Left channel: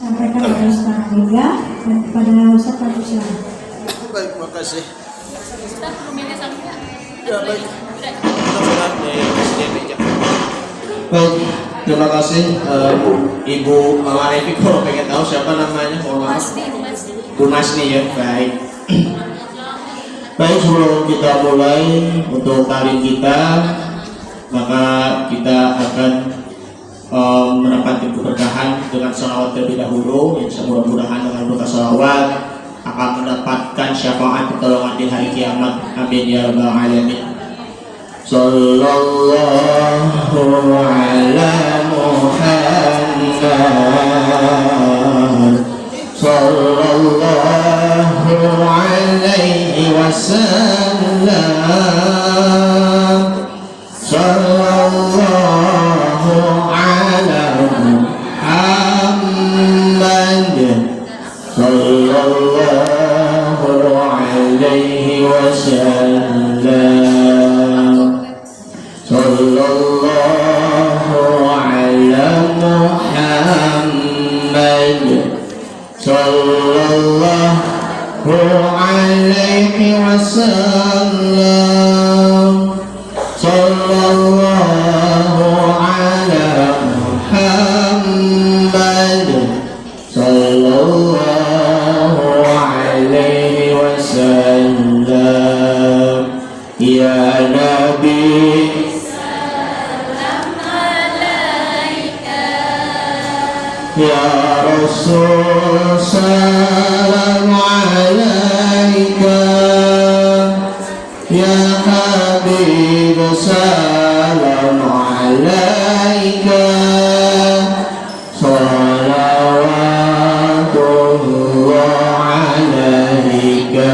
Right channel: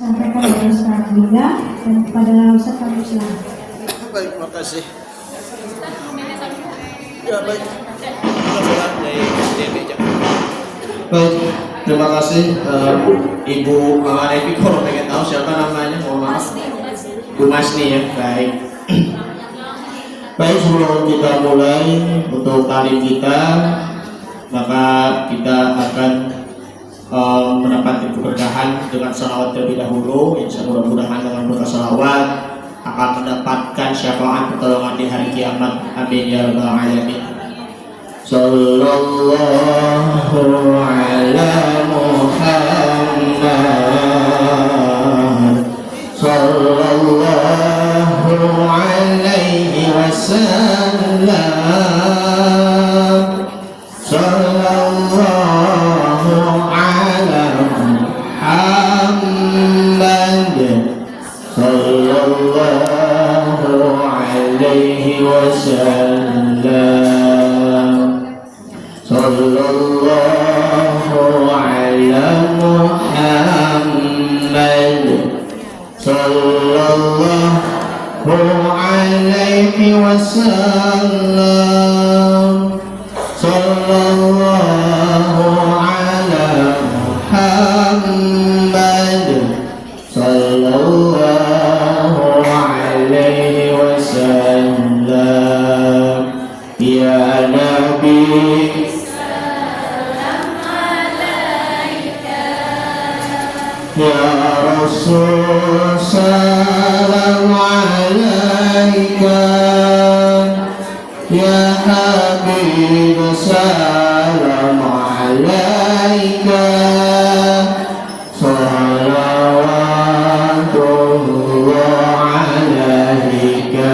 Sampaikan oleh Ustaz Liga dan kepada Ustaz kami silakan. Baik, makasih. Baik, terima kasih Ibu Evi. Kalau pengen tahu siapa namanya, mohon maaf. Bu Masni ya, baik. Baik, sebelum kita mulai untuk talim kita, maka kita akan mendapati keberkahan dengan salawat terlebih dahulu, yang mudah-mudahan dengan berkah salawat akan mendapatkan syafaat pertolongan di hari kiamat. Amin ya rabbal alamin. Sallallahu ala Muhammad sallallahu alaihi wasallam. Sallallahu ala Muhammad sallallahu alaihi wasallam. Sallallahu ala Muhammad sallallahu alaihi wasallam. Sallallahu ala Muhammad sallallahu alaihi wasallam. Ya Nabi Ya Rasul salam alaika, Ya Habib salam alaika, salawatullah alaika.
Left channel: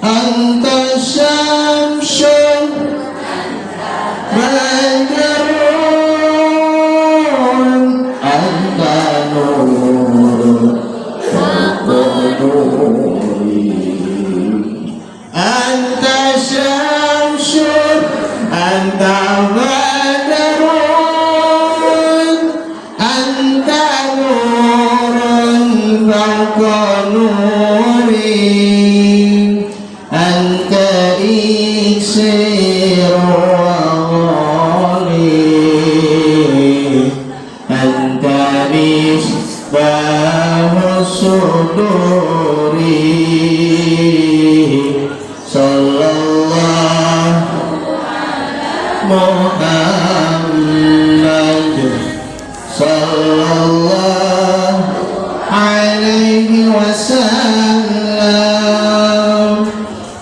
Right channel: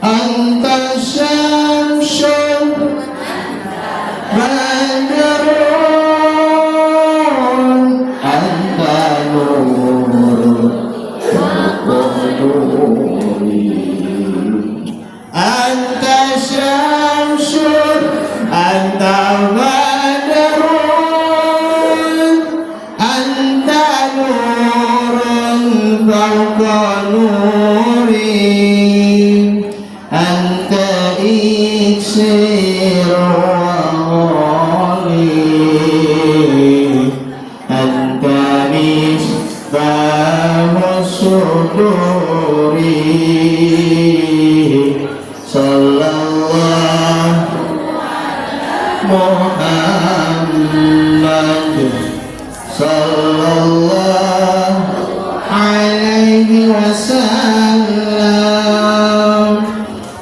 Anta syamsun badrun, anta nurun anta syamsun, anta badrun, anta nurun fawqa nuri, anta iksir wali, anta misbah suduri. Sallallahu Muhammad sallallahu alaihi wasallam.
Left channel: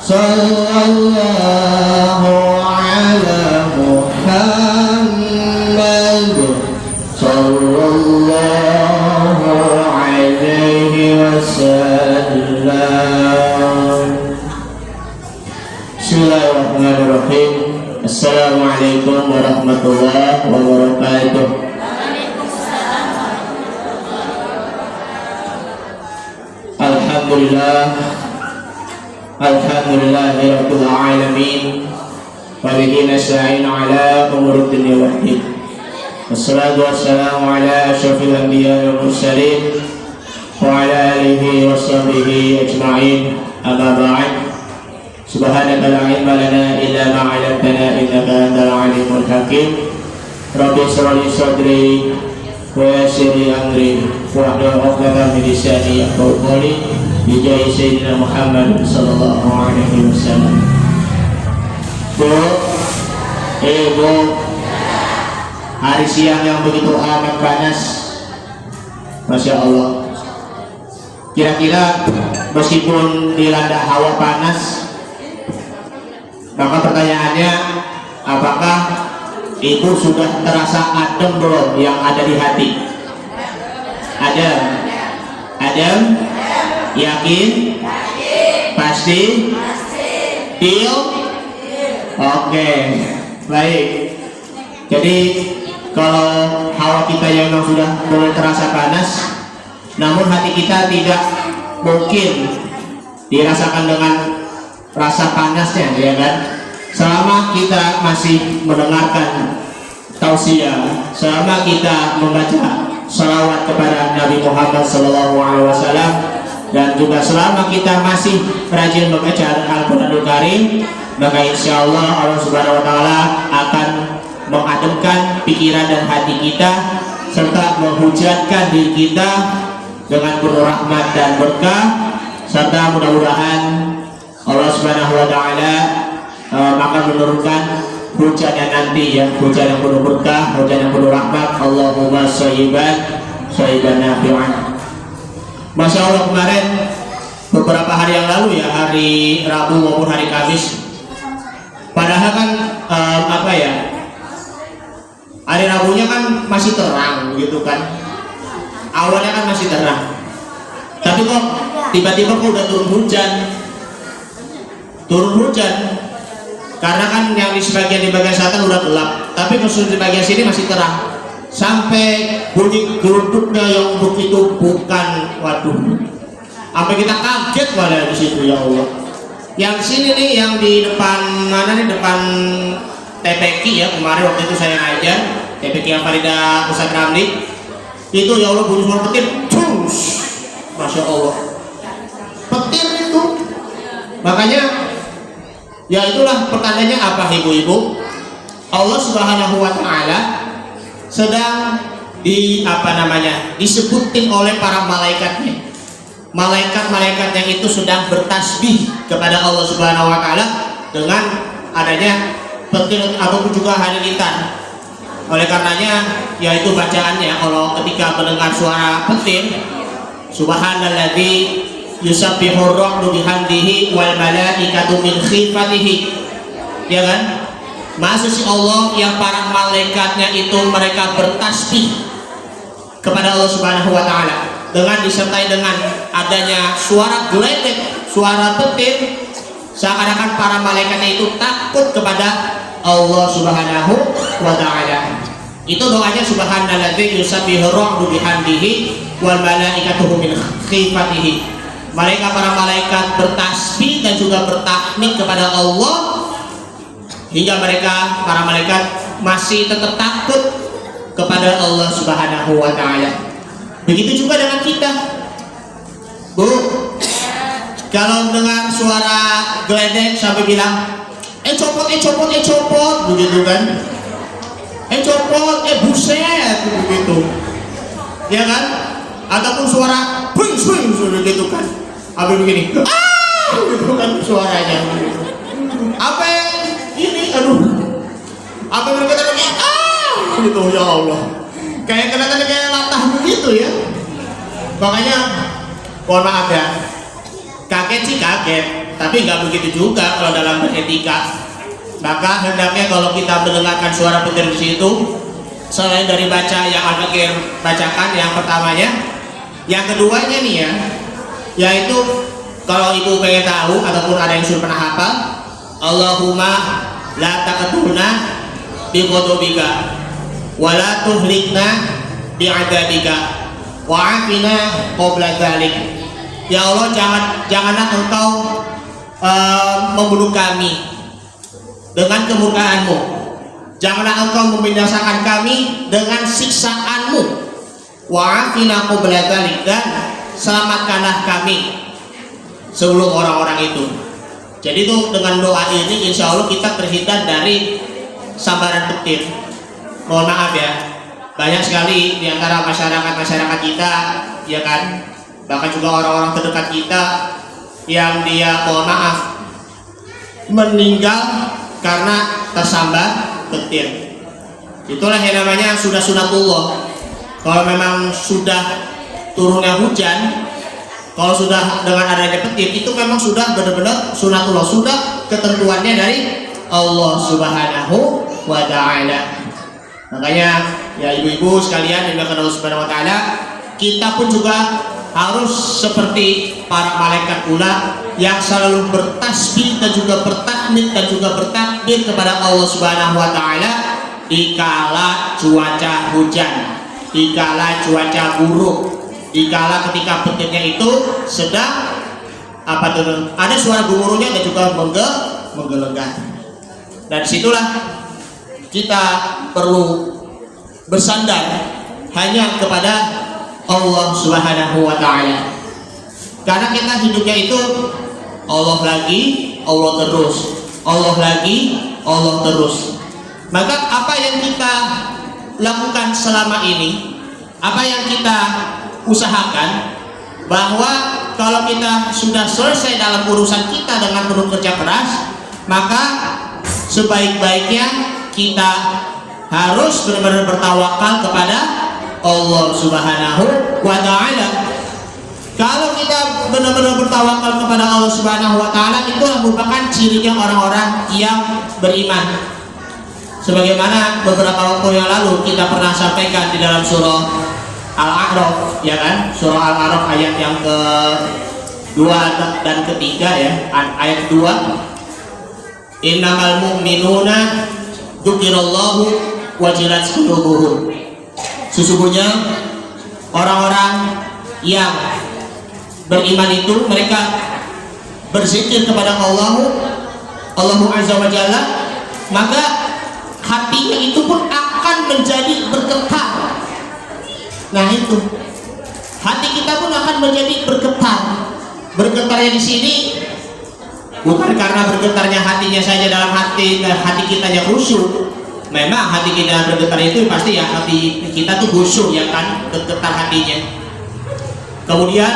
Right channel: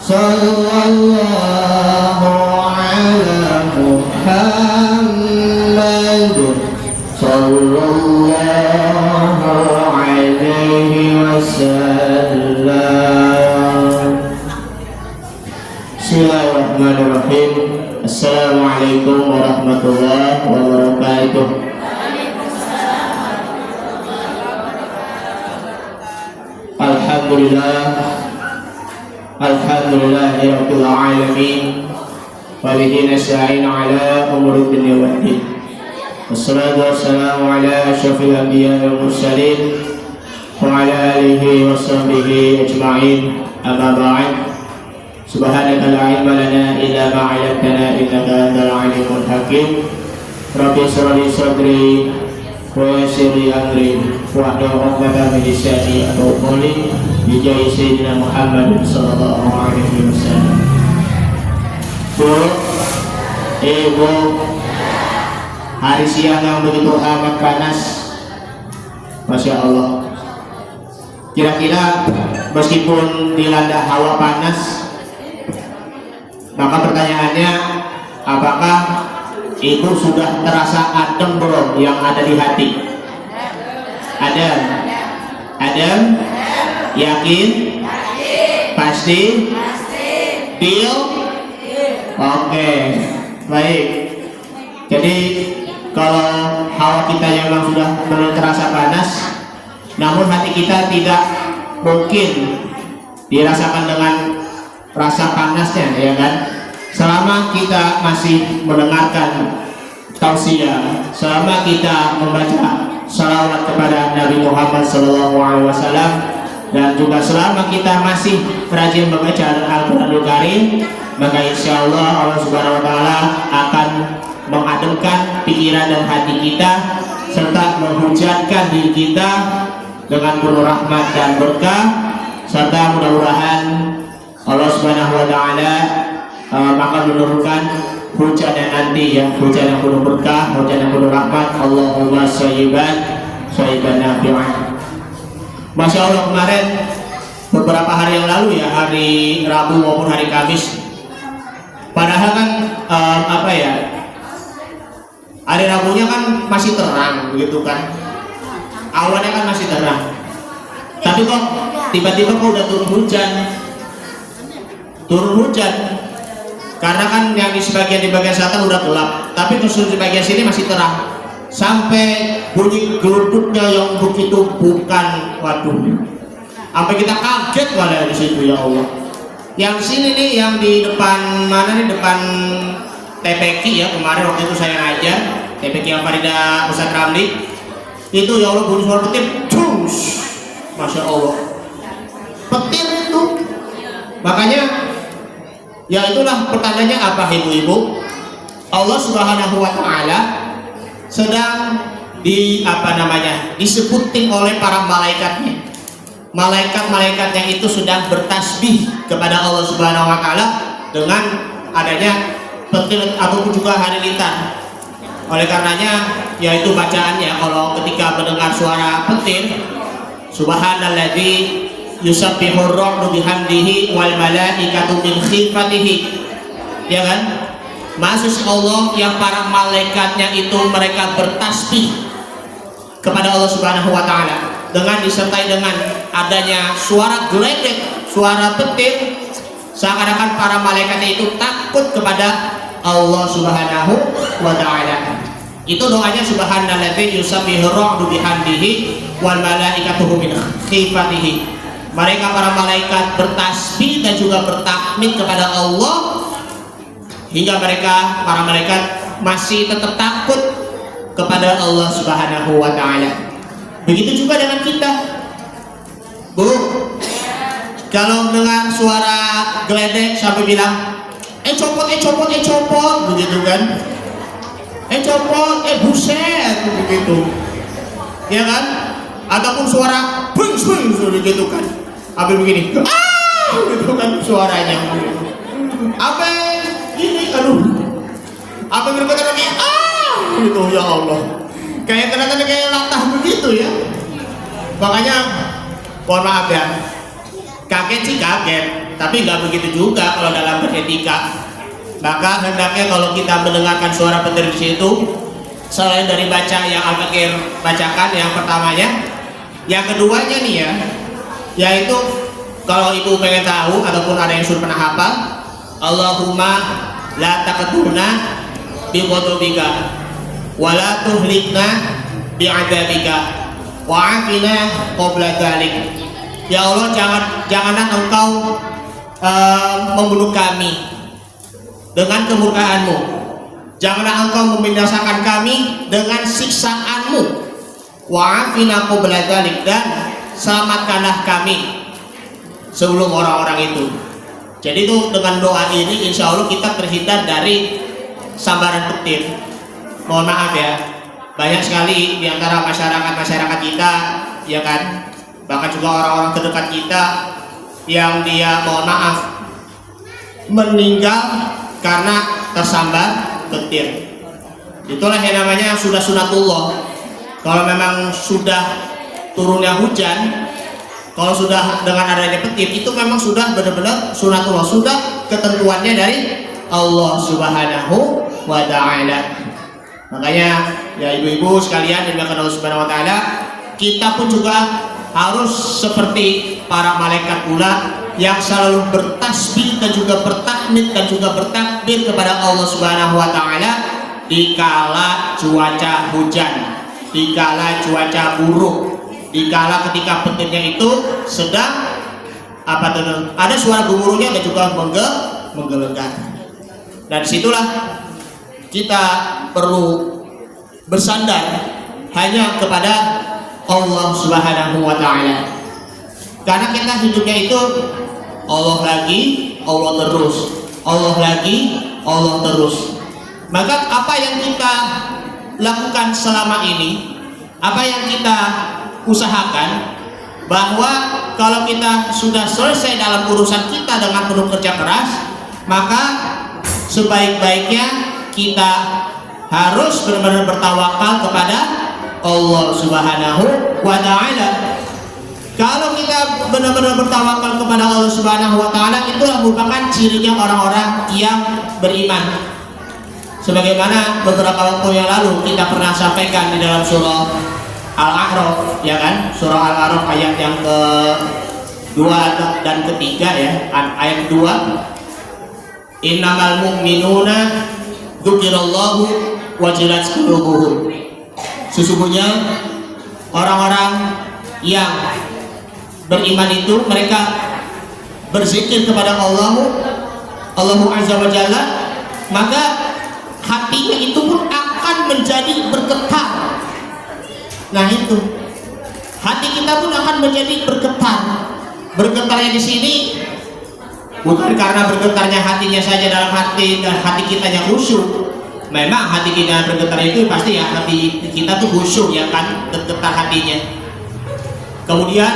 Sallallahu ala Muhammad sallallahu alaihi wasallam. Bismillahirrahmanirrahim. Assalamualaikum warahmatullahi wabarakatuh. Alhamdulillah, alhamdulillahirabbil alamin, wa bihi nasta'in ala umuri dunya waddin. Wassalatu wassalamu ala asyrafil anbiya'i wal mursalin wa ala alihi wa sahbihi ajma'in. Amma ba'd. Subhanaka la ilma lana illa ma 'allamtana innaka antal alimul hakim. Rabbi shrah li sadri wa yassir li amri wahlul 'uqdatam min lisani yafqahu qawli. Bi jahi sayyidina Muhammad sallallahu alaihi wasallam. Bu, Ibu, hari siang yang begitu amat panas, Masya Allah. Kira-kira meskipun dilanda hawa panas, maka pertanyaannya, apakah itu sudah terasa adem belum yang ada di hati? Adem? Adem? Yakin? Pasti? Feel? Oke, baik. Jadi kalau hawa kita yang memang sudah belum terasa panas, namun hati kita tidak mungkin dirasakan dengan rasa panasnya, ya kan? Selama kita masih mendengarkan tausiah, selama kita membaca salawat kepada Nabi Muhammad SAW. Dan juga selama kita masih rajin membaca Al-Quranul Karim, maka insya Allah Subhanahu Wa Taala akan mengademkan pikiran dan hati kita serta menghujatkan diri kita dengan penuh rahmat dan berkah, serta mudah-mudahan Allah Subhanahu Wa Taala akan menurunkan hujan yang nanti ya, hujan yang penuh berkah, hujan yang penuh rahmat. Allahumma sayyiban nafi'an. Masya Allah, kemarin beberapa hari yang lalu ya, hari Rabu maupun hari Kamis, padahal kan hari Rabunya kan masih terang begitu kan, awalnya kan masih terang, tapi kok tiba-tiba kok udah turun hujan, karena kan yang di bagian selatan udah gelap, tapi khusus di bagian sini masih terang, sampai bunyi geruduknya yang begitu bukan, waduh, sampai kita kaget malah di situ ya Allah. Yang sini nih, yang di depan mana nih, depan TPQ ya, kemarin waktu itu saya ngajar TPQ Al-Farida Pusat Ramli, itu ya Allah bunyi suara petir, cus, masya Allah, petir itu. Makanya ya itulah pertandanya apa ibu-ibu, Allah Subhanahu Wa Taala sedang disebutin oleh para malaikatnya. Malaikat-malaikatnya itu sedang bertasbih kepada Allah Subhanahu Wa Taala dengan adanya petir ataupun juga halilintar. Oleh karenanya yaitu bacaannya kalau ketika mendengar suara petir, subhanalladzi yusabbihur ra'du bihamdihi wal malaikatu min khifatihi, ya kan? Maksud Allah yang para malaikatnya itu mereka bertasbih kepada Allah Subhanahu Wa Taala dengan disertai dengan adanya suara geledek, suara petir, seakan-akan para malaikatnya itu takut kepada Allah Subhanahu Wa Taala. Itu doanya subhanalladzi yusabbihu ar-ra'du bihamdihi wal malaikatu min khifatihi. Para malaikat bertasbih dan juga bertakbir kepada Allah, hingga para malaikat masih tetap takut kepada Allah Subhanahu Wa Taala. Begitu juga dengan kita, Bu. Kalau dengar suara geledek sampai bilang, copot, begitu kan? Copot, buset, begitu, ya kan? Ataupun suara swing, begitu kan? Apa begini? Begitu kan suaranya. Apa ini? Apa berkata lagi? Gitu ya Allah. Kayak latah begitu ya. Makanya mohon maaf ya. Kaget sih kaget, tapi nggak begitu juga kalau dalam beretika. Maka hendaknya kalau kita mendengarkan suara petir di situ, selain dari baca yang Al-Fakir bacakan yang pertamanya, yang keduanya nih ya, yaitu kalau ibu pengen tahu ataupun ada yang sudah pernah hafal, Allahumma la taqtulna bi ghadabika wa la tuhlikna bi adzabika wa afina qabla dzalik. Ya Allah, janganlah engkau membunuh kami dengan kemurkaan-Mu. Janganlah engkau membinasakan kami dengan siksaan-Mu. Wa afina qabla dzalik, dan selamatkanlah kami sebelum orang-orang itu. Jadi itu dengan doa ini insya Allah kita terhindar dari sambaran petir. Mohon maaf ya, banyak sekali di antara masyarakat kita, ya kan, bahkan juga orang-orang terdekat kita yang dia mohon maaf meninggal karena tersambar petir. Itulah yang namanya sudah sunatullah. Kalau memang sudah turunnya hujan, kalau sudah dengan adanya petir, itu memang sudah benar-benar sunatullah, sudah ketentuannya dari Allah Subhanahu Wa Taala. Makanya ya ibu-ibu sekalian yang dimakan Allah Subhanahu Wa Taala, kita pun juga harus seperti para malaikat pula yang selalu bertasbih dan juga bertakbir dan juga bertakbir kepada Allah Subhanahu Wa Taala dikala cuaca hujan, dikala cuaca buruk, dikala ketika petirnya itu sedang ada suara gemuruhnya dan juga menggelegak. Dan disitulah kita perlu bersandar hanya kepada Allah Subhanahu wa Ta'ala. Karena kita hidupnya itu Allah lagi, Allah terus, Allah lagi, Allah terus. Maka apa yang kita lakukan selama ini, apa yang kita usahakan, bahwa kalau kita sudah selesai dalam urusan kita dengan penuh kerja keras, maka sebaik-baiknya kita harus benar-benar bertawakal kepada Allah Subhanahu wa Ta'ala. Kalau kita benar-benar bertawakal kepada Allah Subhanahu wa Ta'ala, itulah merupakan cirinya orang-orang yang beriman. Sebagaimana beberapa waktu yang lalu kita pernah sampaikan di dalam surah Al-A'raf, ya kan? Surah Al-A'raf ayat yang ke-2 dan ke-3 ya. Ayat 2. Innamal mu'minuna dzukirallahu wajilat qulubuhum. Sesungguhnya orang-orang yang beriman itu mereka berzikir kepada Allah Azza wa Jalla, maka hatinya itu pun akan menjadi bergetar. Nah itu, hati kita pun akan menjadi bergetar. Bergetarnya di sini bukan karena bergetarnya hatinya saja dalam hati kita yang khusyuk. Memang hati kita bergetar itu pasti ya hati kita tuh khusyuk ya kan, bergetar hatinya. Kemudian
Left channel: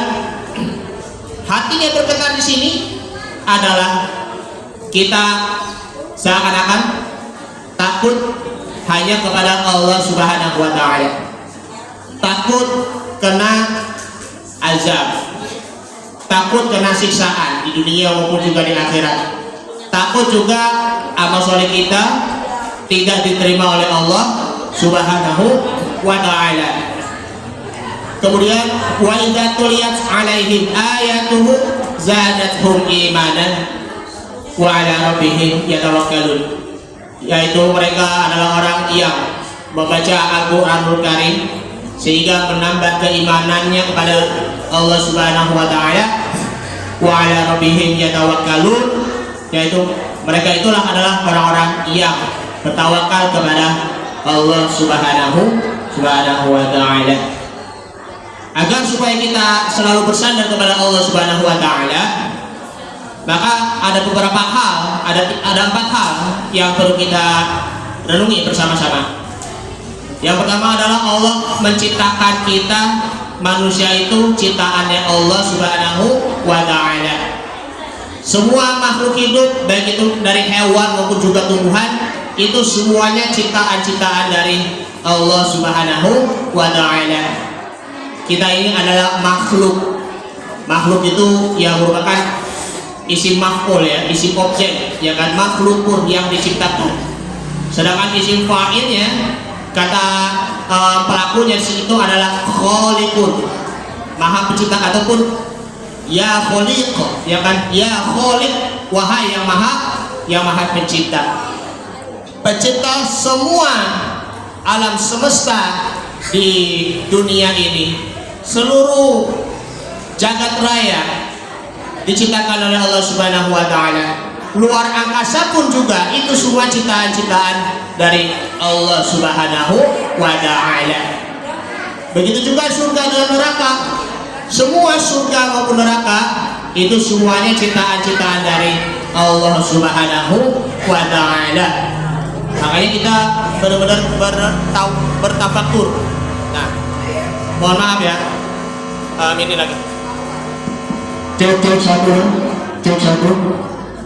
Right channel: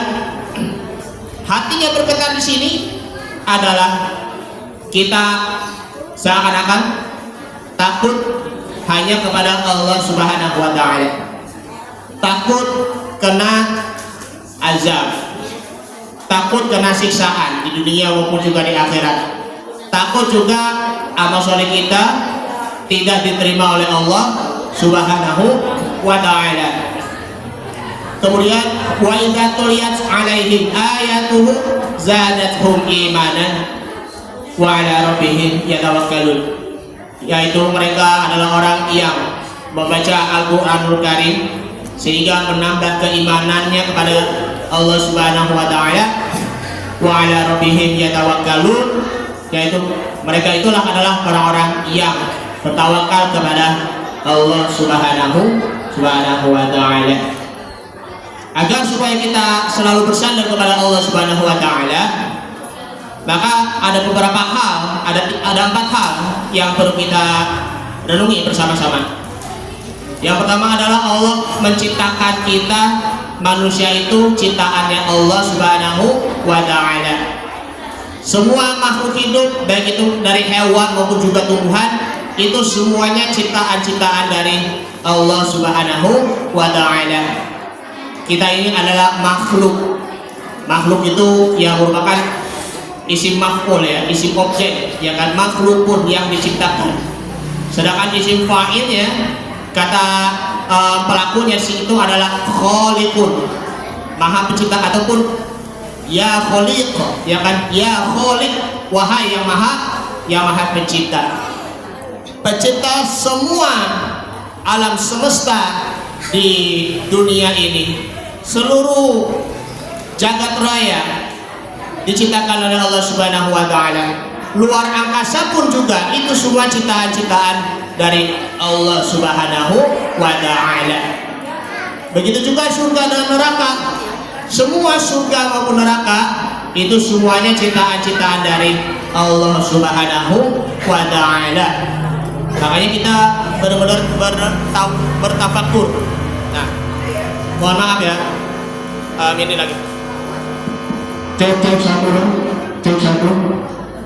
hatinya bergetar di sini adalah kita seakan-akan takut hanya kepada Allah Subhanahu wa Ta'ala, takut kena azab, takut kena siksaan di dunia maupun juga di akhirat, takut juga amal soleh kita tidak diterima oleh Allah Subhanahu wa Ta'ala. Kemudian wa idza tuliyat alaihim ayatuhu zadatuhum imanan wa ala rabbihim yatawakkalun. Yaitu mereka adalah orang yang membaca Al-Qur'anul Karim sehingga menambah keimanannya kepada Allah Subhanahu wa Ta'ala. Wa ala rabbihim yatawakkalun, yaitu mereka itulah adalah orang-orang yang bertawakal kepada Allah Subhanahu wa Ta'ala. Agar supaya kita selalu bersandar kepada Allah Subhanahu wa Ta'ala, maka ada beberapa hal, ada 4 hal yang perlu kita renungi bersama-sama. Yang pertama adalah Allah menciptakan kita, manusia itu ciptaannya Allah Subhanahu wa Ta'ala. Semua makhluk hidup, baik itu dari hewan maupun juga tumbuhan, itu semuanya ciptaan-ciptaan dari Allah Subhanahu wa Ta'ala. Kita ini adalah makhluk. Makhluk itu yang merupakan isim maf'ul ya, isim objek, ya kan, makhluk pun yang diciptakan. Sedangkan isim fa'il ya, kata pelakunya itu adalah khaliqun, maha pencipta, ataupun ya khaliq, ya kan, ya khaliq, wahai yang maha pencipta. Pencipta semua alam semesta di dunia ini, seluruh jagat raya diciptakan oleh Allah Subhanahu wa Ta'ala. Luar angkasa pun juga itu semua ciptaan-ciptaan dari Allah Subhanahu wa Ta'ala. Begitu juga surga dan neraka. Semua surga maupun neraka itu semuanya ciptaan-ciptaan dari Allah Subhanahu wa Ta'ala. Makanya kita benar-benar bertafakur. Nah, mohon maaf ya, ini lagi. Cek satu.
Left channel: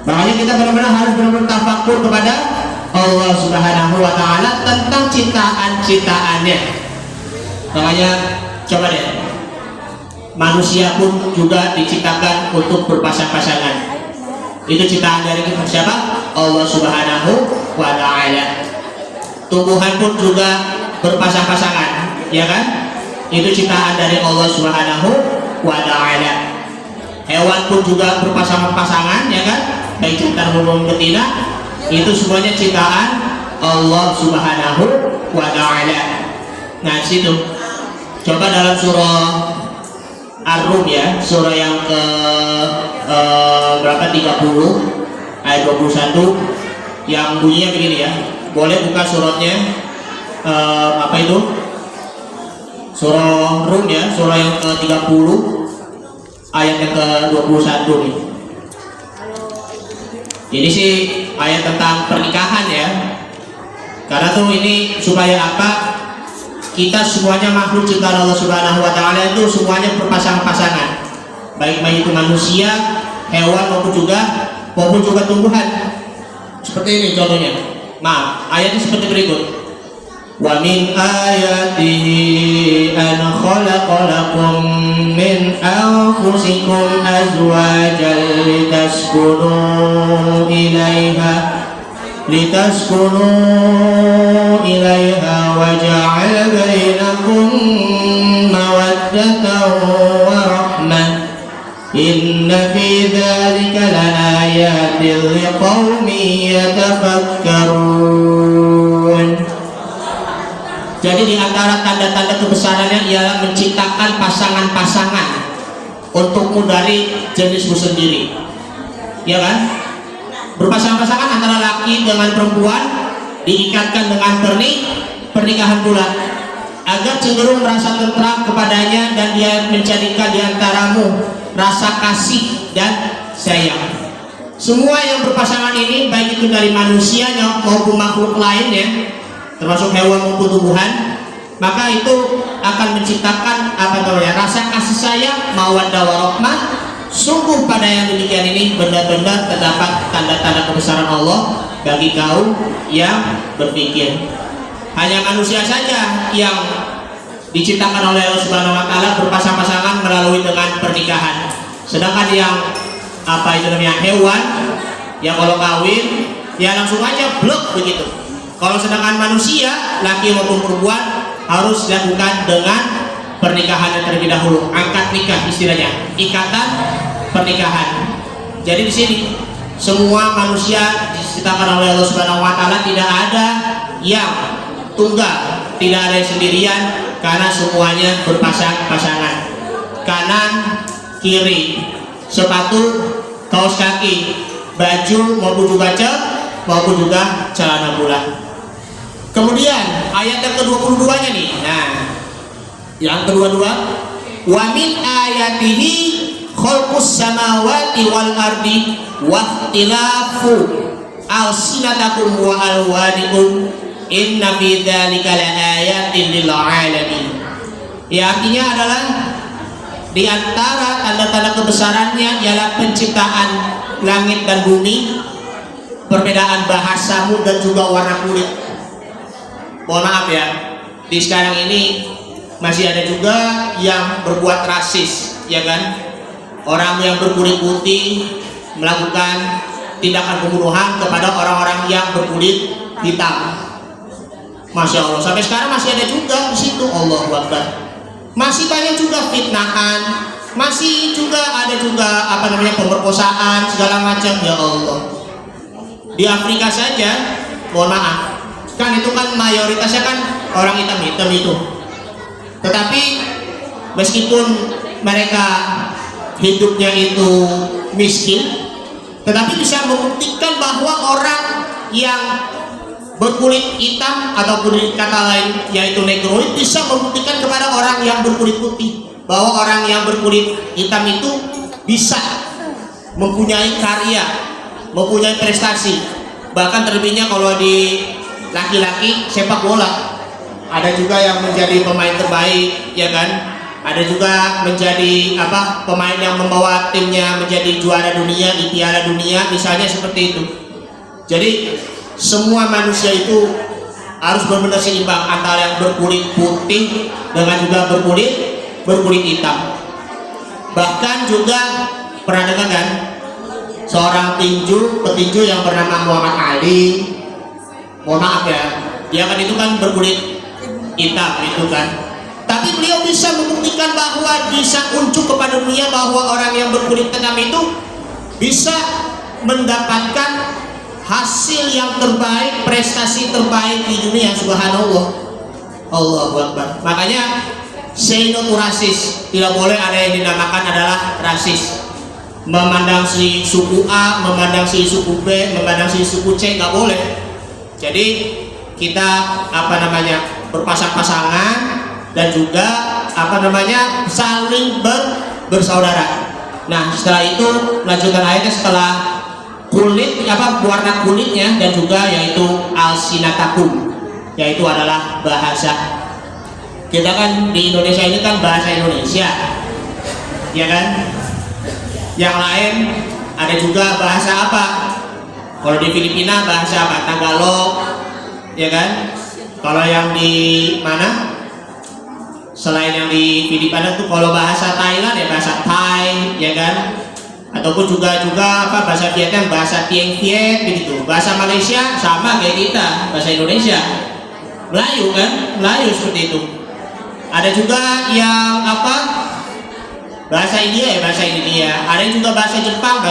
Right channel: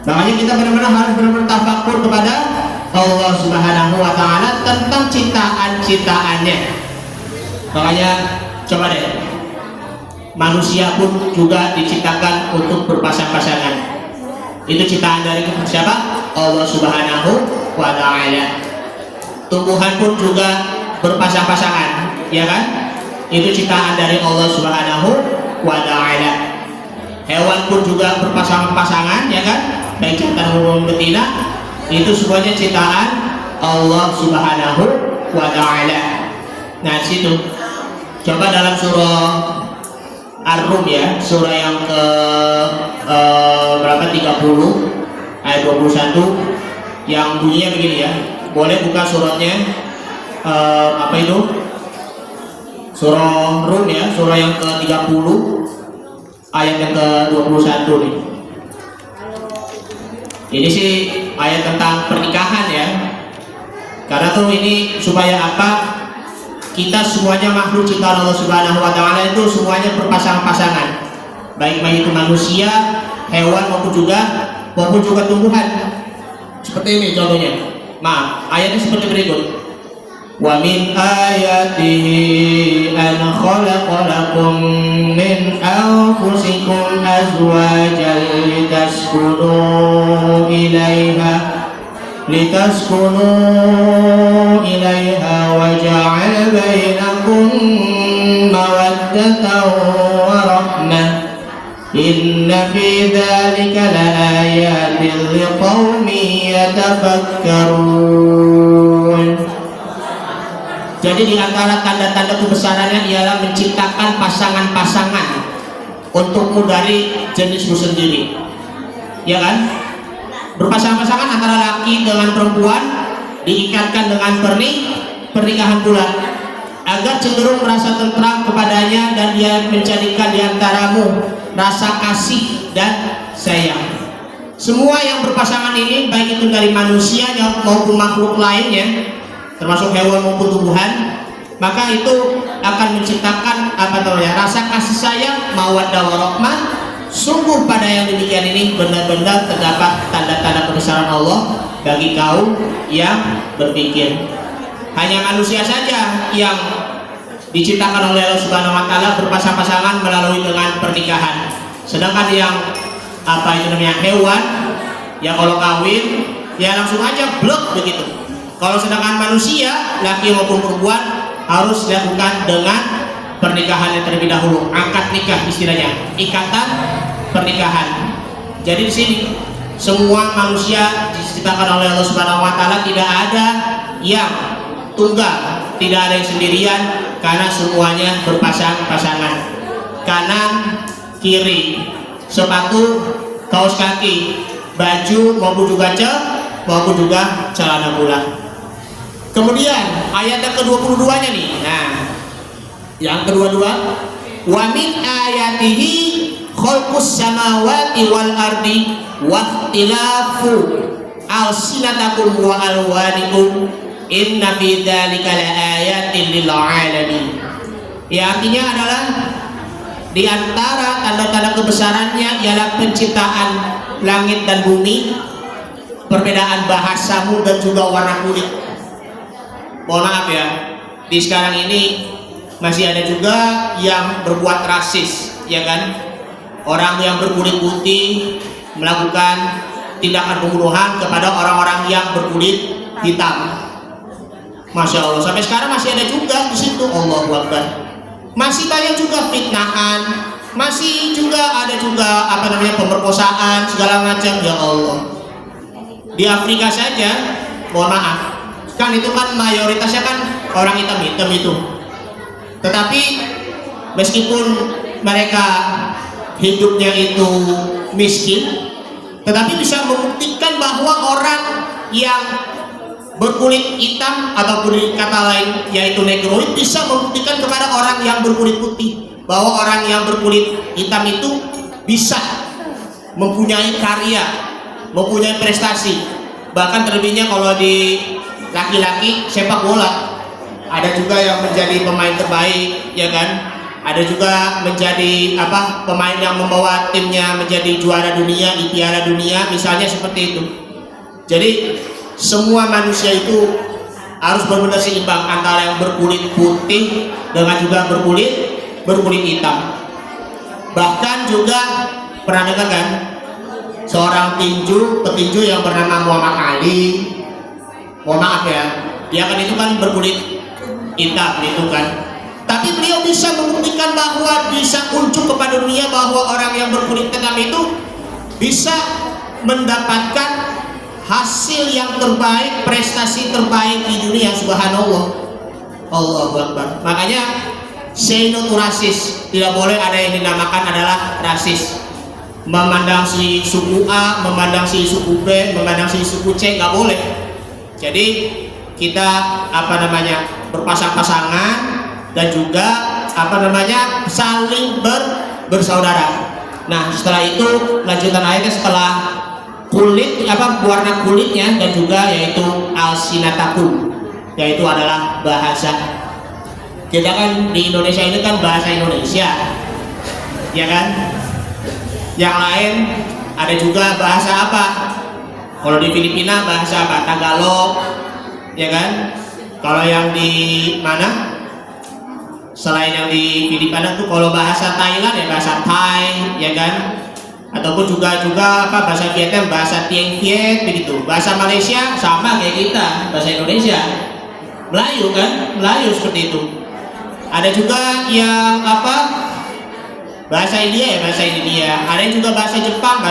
Makanya kita benar-benar harus bertafakur kepada Allah Subhanahu wa Ta'ala tentang ciptaan-ciptaannya. Makanya coba deh, manusia pun juga diciptakan untuk berpasang-pasangan. Itu ciptaan dari siapa? Allah Subhanahu wa Ta'ala. Tumbuhan pun juga berpasang-pasangan, ya kan? Itu ciptaan dari Allah Subhanahu wa Ta'ala. Hewan pun juga berpasangan-pasangan, ya kan? Baik jantan maupun betina, itu semuanya ciptaan Allah Subhanahu wa Ta'ala. Nah, situ coba dalam surah Ar-Rum ya, surah yang ke berapa, 30 ayat 21, yang bunyinya begini ya. Boleh buka suratnya, apa itu? Surah Rum ya, surah yang ke-30 ayat yang ke-21 nih. Ini sih ayat tentang pernikahan ya. Karena tuh ini supaya apa? Kita semuanya makhluk ciptaan Allah Subhanahu wa taala itu semuanya berpasang-pasangan. Baik itu manusia, hewan maupun juga tumbuhan. Seperti ini contohnya. Maaf, ayatnya seperti berikut. Wa min ayatihi an khalaqa lakum min anfusikum azwajan litaskunu ilaiha wa ja'ala bainakum mawaddatan wa rahmah. Inna fi dzalika laayatin liqaumin yatafakkarun. Jadi di antara tanda-tanda kebesarannya ialah menciptakan pasangan-pasangan untukmu dari jenismu sendiri, ya kan? Berpasang-pasangan antara laki dengan perempuan, diikatkan dengan pernikahan pula, agar cenderung merasa tentram kepadanya dan dia menjadikan di antaramu rasa kasih dan sayang. Semua yang berpasangan ini, baik itu dari manusia maupun makhluk lainnya, termasuk hewan maupun tumbuhan, maka itu akan menciptakan rasa kasih sayang, mawaddah warahmah. Sungguh pada yang demikian ini benar-benar terdapat tanda-tanda kebesaran Allah bagi kaum yang berpikir. Hanya manusia saja yang diciptakan oleh Allah Subhanahu wa taala berpasang-pasangan melalui dengan pernikahan. Sedangkan yang hewan yang kalau kawin ya langsung aja blok begitu. Kalau sedangkan manusia laki maupun perempuan harus dilakukan dengan pernikahan yang terlebih dahulu, akad nikah istilahnya, ikatan pernikahan. Jadi di sini semua manusia diciptakan oleh Allah Subhanahu wa taala, tidak ada yang tunggal, tidak ada yang sendirian, karena semuanya berpasang-pasangan. Kanan, kiri, sepatu, kaos kaki, baju maupun juga celana bulat. Kemudian ayat yang ke-22-nya nih. Nah, yang kedua-dua, wa min ayatihi khalqus samawati wal ardi wa ikhtilafu alsinatakum wa alwanikum inna fi dzalika laayatin lil alamin. Ya, artinya adalah di antara tanda-tanda kebesarannya ialah penciptaan langit dan bumi, perbedaan bahasamu dan juga warna kulit. Mohon maaf ya, di sekarang ini masih ada juga yang berbuat rasis, ya kan? Orang yang berkulit putih melakukan tindakan pembunuhan kepada orang-orang yang berkulit hitam. Masya Allah, sampai sekarang masih ada juga di situ. Allahu Akbar. Masih banyak juga fitnahan, masih juga ada juga pemerkosaan segala macam. Ya Allah. Di Afrika saja, mohon maaf, kan itu kan mayoritasnya kan orang hitam itu. Tetapi meskipun mereka hidupnya itu miskin, tetapi bisa membuktikan bahwa orang yang berkulit hitam ataupun kata lain yaitu negroid bisa membuktikan kepada orang yang berkulit putih bahwa orang yang berkulit hitam itu bisa mempunyai karya, mempunyai prestasi. Bahkan terlebihnya kalau di laki-laki sepak bola, ada juga yang menjadi pemain terbaik, ya kan? Ada juga menjadi pemain yang membawa timnya menjadi juara dunia di Piala Dunia, misalnya seperti itu. Jadi semua manusia itu harus benar-benar seimbang antara yang berkulit putih dengan juga berkulit hitam. Bahkan juga pernah dengar kan seorang petinju yang bernama Muhammad Ali. Mohon maaf ya, dia kan itu kan berkulit hitam gitu kan. Tapi beliau bisa membuktikan bahwa bisa unjuk kepada dunia bahwa orang yang berkulit hitam itu bisa mendapatkan hasil yang terbaik, prestasi terbaik di dunia. Subhanallah. Allahu Akbar. Makanya say no to rasis. Tidak boleh ada yang dinamakan adalah rasis. Memandang si suku A, memandang si suku B, memandang si suku C, nggak boleh. Jadi kita berpasang-pasangan dan juga saling bersaudara. Nah, setelah itu lanjutan ayatnya setelah warna kulitnya dan juga yaitu alsinatakum, yaitu adalah bahasa. Kita kan di Indonesia ini kan bahasa Indonesia, ya kan? Yang lain ada juga bahasa apa? Kalau di Filipina bahasa apa? Tagalog, ya kan? Kalau yang di mana? Selain yang di Filipina tuh kalau bahasa Thailand ya bahasa Thai, ya kan? Ataupun juga bahasa Vietnam, bahasa Tieng Viet begitu. Bahasa Malaysia sama kayak kita, bahasa Indonesia. Melayu kan? Melayu seperti itu. Ada juga yang bahasa India ya bahasa India. Ada juga bahasa Jepang,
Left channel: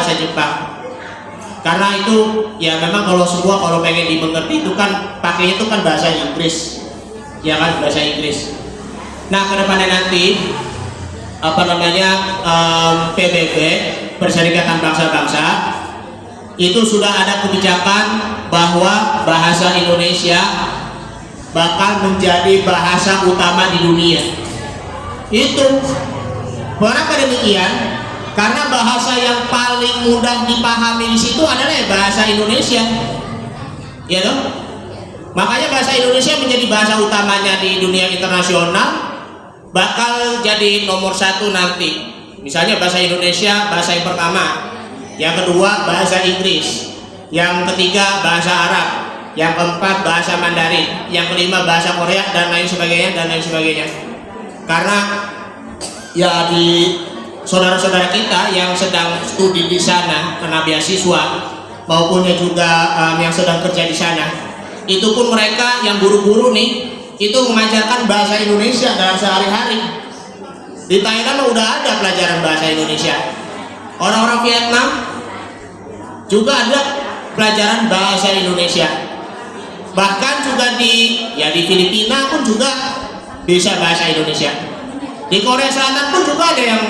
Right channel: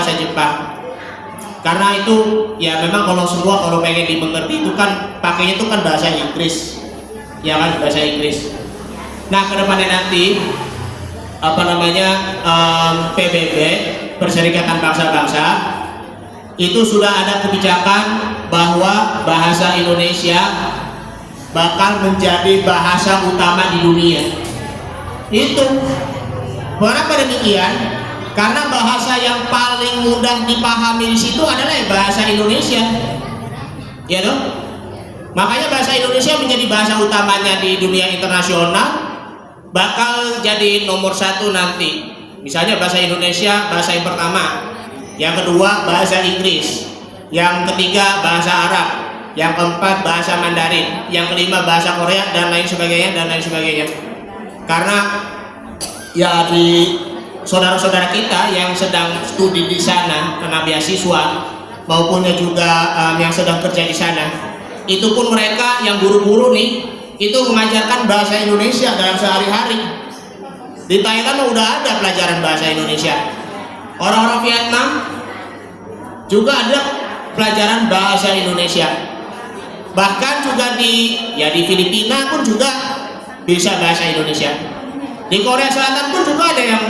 Karena itu ya memang kalau pengen dimengerti itu kan pakainya itu kan bahasa Inggris, ya kan, bahasa Inggris. Nah, kedepannya nanti PBB, Perserikatan Bangsa-Bangsa, itu sudah ada kebijakan bahwa bahasa Indonesia bakal menjadi bahasa utama di dunia. Itu kenapa demikian? Karena bahasa yang paling mudah dipahami di situ adalah bahasa Indonesia, ya dong. Makanya bahasa Indonesia menjadi bahasa utamanya di dunia internasional, bakal jadi nomor 1 nanti. Misalnya bahasa Indonesia bahasa yang pertama, yang kedua bahasa Inggris, yang ketiga bahasa Arab, yang keempat bahasa Mandarin, yang kelima bahasa Korea, dan lain sebagainya. Karena ya di saudara-saudara kita yang sedang studi di sana kena beasiswa maupun juga yang sedang kerja di sana, itu pun mereka yang guru-guru nih itu mengajarkan bahasa Indonesia dalam sehari-hari. Di Thailand udah ada pelajaran bahasa Indonesia. Orang-orang Vietnam juga ada pelajaran bahasa Indonesia. Bahkan juga di Filipina pun juga bisa bahasa Indonesia. Di Korea Selatan pun juga ada yang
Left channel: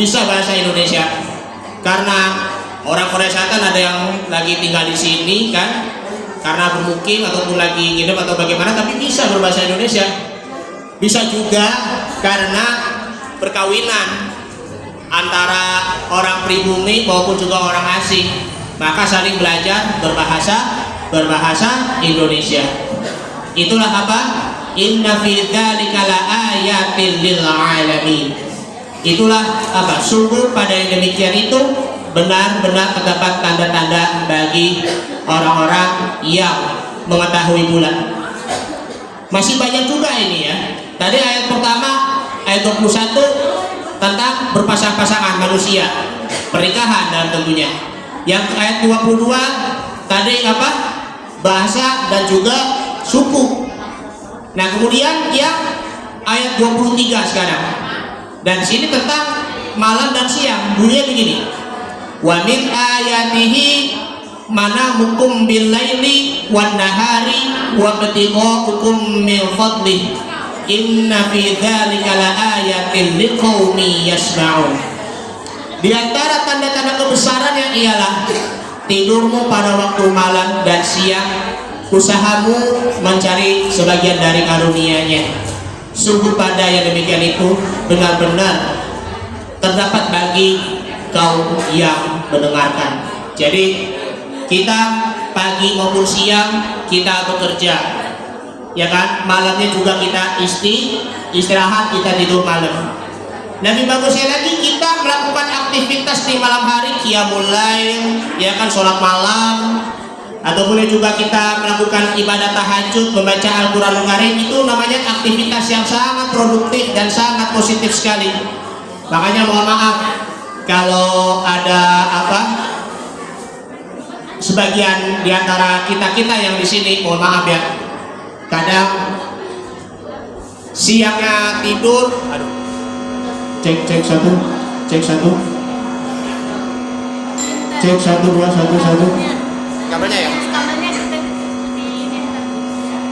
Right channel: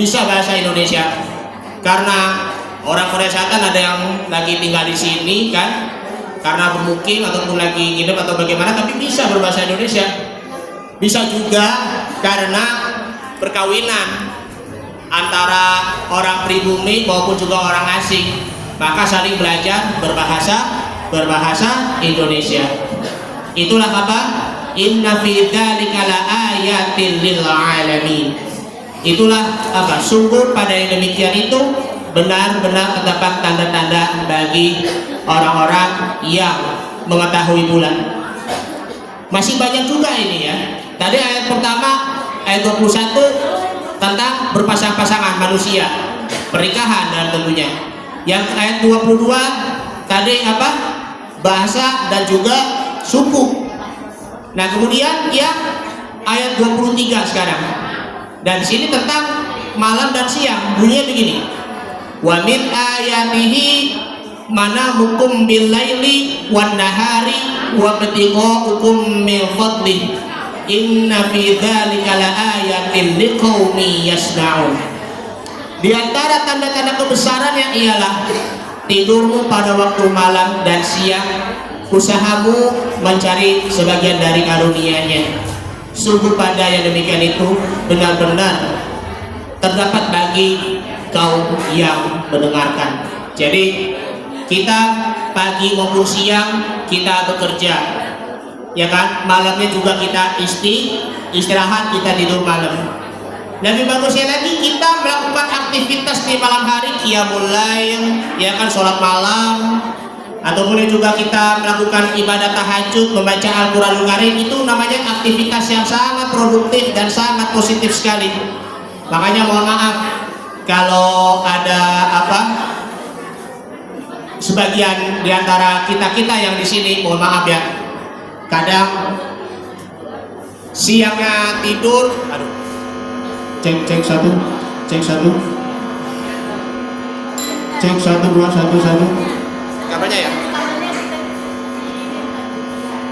bisa bahasa Indonesia. Karena orang Korea Selatan ada yang lagi tinggal di sini kan, karena bermukim ataupun lagi nginep atau bagaimana, tapi bisa berbahasa Indonesia. Bisa juga karena perkawinan antara orang pribumi maupun juga orang asing, maka saling belajar berbahasa Indonesia. Itulah apa? Inna fi dzalika laayatin lil alamin. Itulah apa? Sungguh pada yang demikian itu benar-benar terdapat tanda-tanda bagi orang-orang yang mengetahui bulan. Masih banyak juga ini ya. Tadi ayat pertama, ayat 21 tentang berpasang-pasangan manusia, pernikahan dan tentunya. Yang ayat 22 tadi apa? Bahasa dan juga suku. Nah, kemudian yang ayat 23 sekarang. Dan di sini tentang malam dan siang. Bunyinya begini. Wa min ayatihi manamukum bil laili wan nahari wa ibtighukum min fadlih. Inna fi dzalika laayatin liqaumin yasma'un. Di antara tanda-tanda kebesaran yang ialah tidurmu pada waktu malam dan siang, usahamu mencari sebagian dari karunia-Nya. Sungguh pada yang demikian itu benar-benar terdapat bagi kaum yang mendengarkan. Jadi kita pagi maupun siang kita bekerja, ya kan? Malamnya juga kita istirahat, kita tidur malam. Lebih bagusnya lagi kita melakukan aktivitas di malam hari, qiyamul lail, ya kan, sholat malam, atau boleh juga kita melakukan ibadah tahajud, membaca Al-Quranul Karim. Itu namanya aktivitas yang sangat produktif dan sangat positif sekali. Makanya mohon maaf kalau ada sebagian di antara kita yang di sini, mohon maaf ya, kadang siangnya tidur, cek 1 cek 1 2 1 kamarnya ya.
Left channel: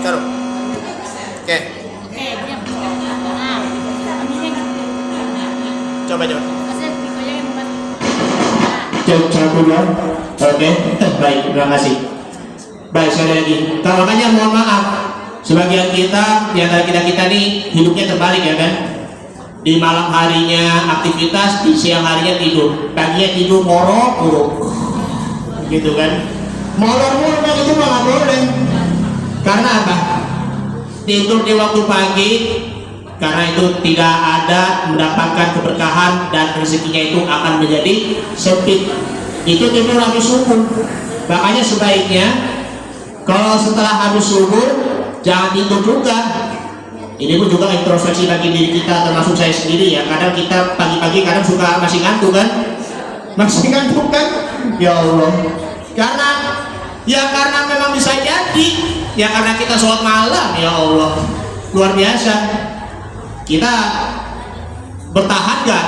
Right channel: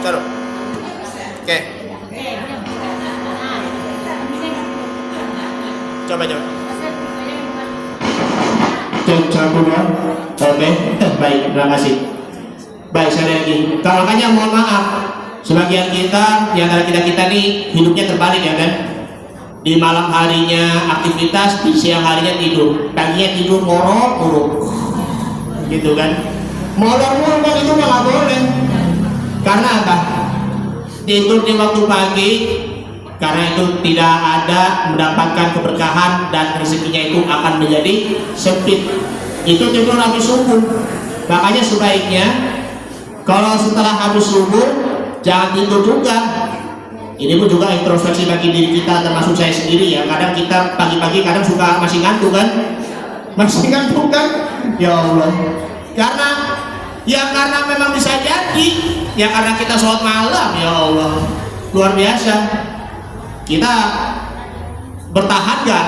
Oke. Coba. Cek 1 2. Oke. Baik, terima kasih. Baik, sekali lagi. Makanya mohon maaf Sebagian kita, di antara kita nih hidupnya terbalik ya kan. Di malam harinya aktivitas, di siang harinya tidur. Paginya tidur morok, gitu kan. Morok itu mah nggak boleh. Karena apa? Tidur di waktu pagi, karena itu tidak ada mendapatkan keberkahan dan rezekinya itu akan menjadi sempit. Itu tidur habis subuh. Makanya sebaiknya kalau setelah habis subuh jangan tidur juga. Ini pun juga introspeksi bagi diri kita, termasuk saya sendiri ya. Kadang kita pagi-pagi kadang suka masih ngantuk kan? Masih ngantuk kan? Ya Allah. Karena memang bisa jadi. Ya karena kita sholat malam, ya Allah. Luar biasa. Kita bertahan gak?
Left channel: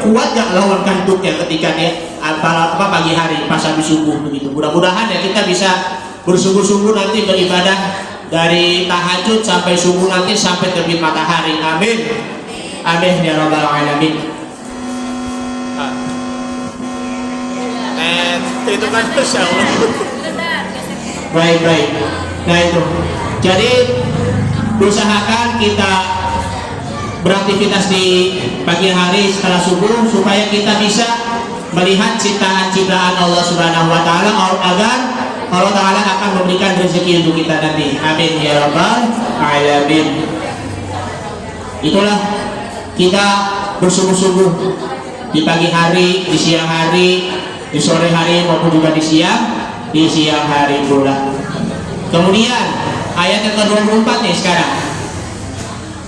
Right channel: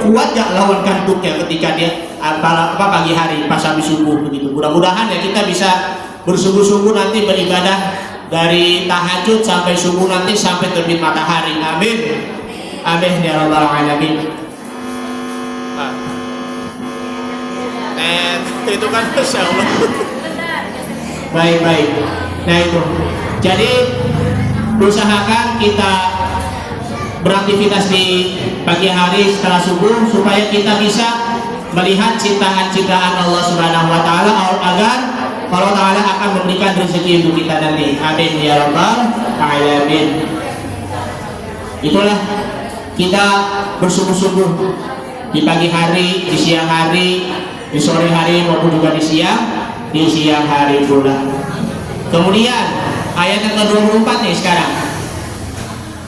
Kuat gak lawan kantuknya ketika dia pagi hari pas habis subuh begitu. Mudah-mudahan ya kita bisa bersungguh-sungguh nanti beribadah dari tahajud sampai subuh nanti sampai terbit matahari. Amin. Amin ya rabbal alamin. Itu kan bisa. Baik. Nah itu. Jadi usahakan kita beraktivitas di pagi hari setelah subuh supaya kita bisa melihat ciptaan-ciptaan Allah Subhanahu wa taala agar Allah Ta'ala akan memberikan rezeki untuk kita nanti. Amin ya rabbal alamin. Itulah kita bersungguh-sungguh di pagi hari, di siang hari, di sore hari maupun juga di siang hari pula. Kemudian ayat yang ke-24 nih sekarang.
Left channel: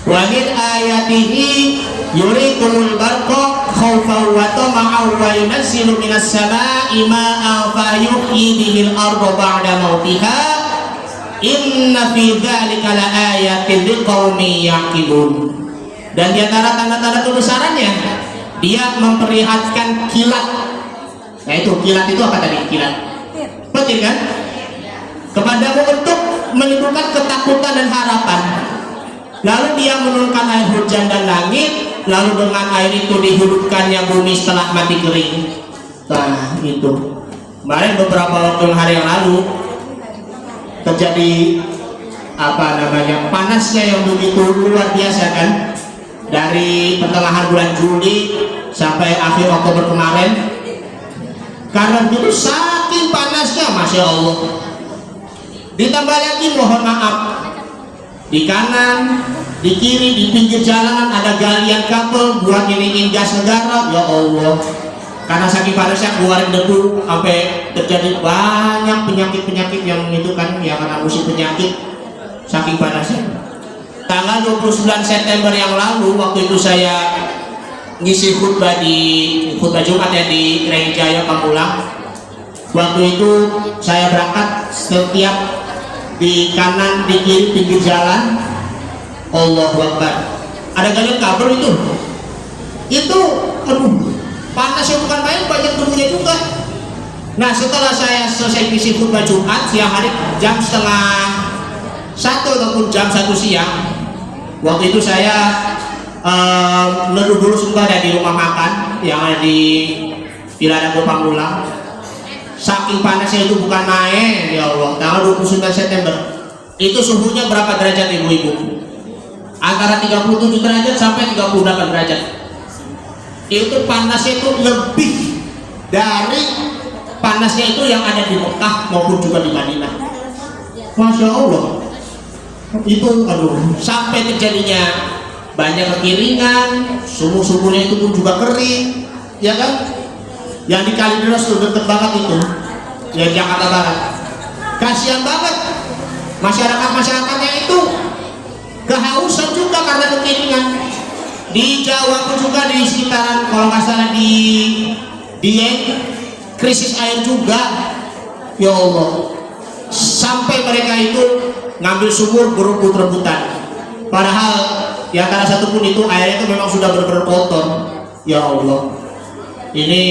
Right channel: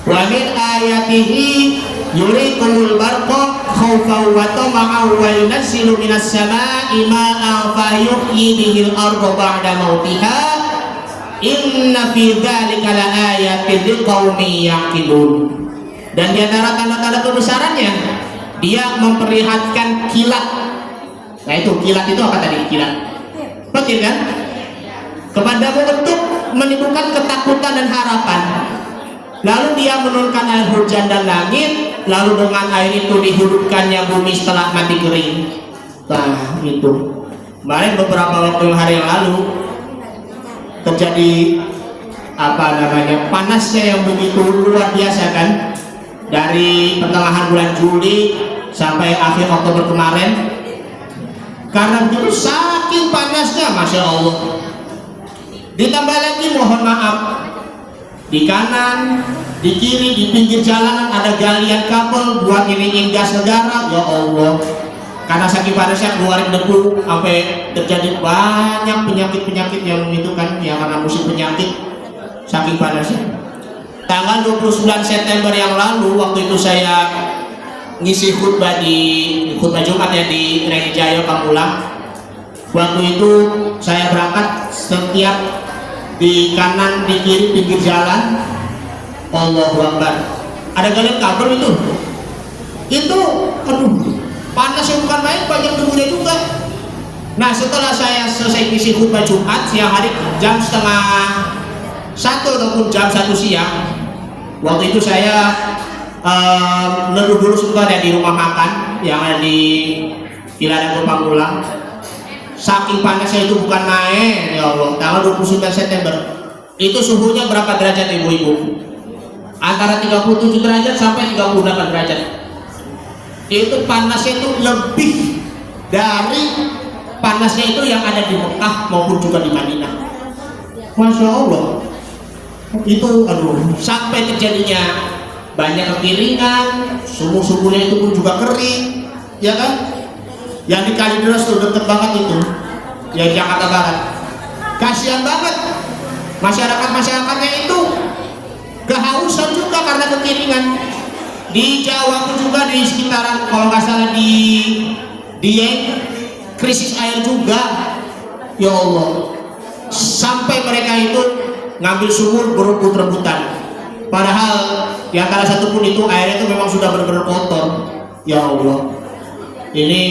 Wa min ayatihi yurikumul barqa khawfan wa tama'an wa yunazzilu minas samaa'i ma'an fa yuhyi bihil arda ba'da mautiha inna fi dzalika laayatin liqaumin yaqilun. Dan di antara tanda-tanda kebesarannya dia memperlihatkan kilat. Nah itu kilat itu apa tadi? Kilat petir kan? Kepadamu untuk menimbulkan ketakutan dan harapan. Lalu dia menurunkan air hujan dan langit, lalu dengan air itu dihidupkannya bumi setelah mati kering. Nah itu kemarin beberapa hari yang lalu terjadi panasnya yang begitu luar biasa kan, dari pertengahan bulan Juli sampai akhir Oktober kemarin. Karena itu saking panasnya, masya Allah. Ditambah lagi mohon maaf, di kanan, di kiri, di pinggir jalan ada galian kabel buat ini gas negara. Ya Allah, karena saking panasnya keluarin debu sampai terjadi banyak penyakit yang itu kan, ya karena musim penyakit saking panasnya. Tanggal 29 September yang lalu, waktu itu saya ngisi khutbah Jumat ya di Gereja Jayo Pamulang. Waktu itu saya berangkat setiap di kanan, di kiri, pinggir jalan, Allahu Akbar, ada galian kabel itu panasnya bukan main, banyak debunya juga. Nah setelah saya selesai ngisi khutbah Jumat siang hari jam setengah 1 ataupun jam 1 siang, waktu itu saya neduh dulu sebentar ya di rumah makan yang ada di Villa Dago Pamulang. Saking panasnya itu bukan main, ya Allah. Tanggal 29 September itu suhunya berapa derajat ibu-ibu? Antara 37 derajat sampai 38 derajat. Itu panasnya itu lebih dari panasnya itu yang ada di Mekah maupun juga di Madinah. Masya Allah. Itu sampai terjadinya banyak kekeringan, sumur-sumurnya itu pun juga kering, ya kan? Yang di Kalideres tuh deket banget itu, yang Jakarta Barat. Kasihan banget masyarakat-masyarakatnya itu kehausan juga karena kekeringan. Di Jawa pun juga di sekitaran, kalau nggak salah di Dieng, krisis air juga. Ya Allah, sampai mereka itu ngambil sumur berebut-rebutan. Padahal di antara satu pun itu airnya itu memang sudah benar-benar kotor. Ya Allah, ini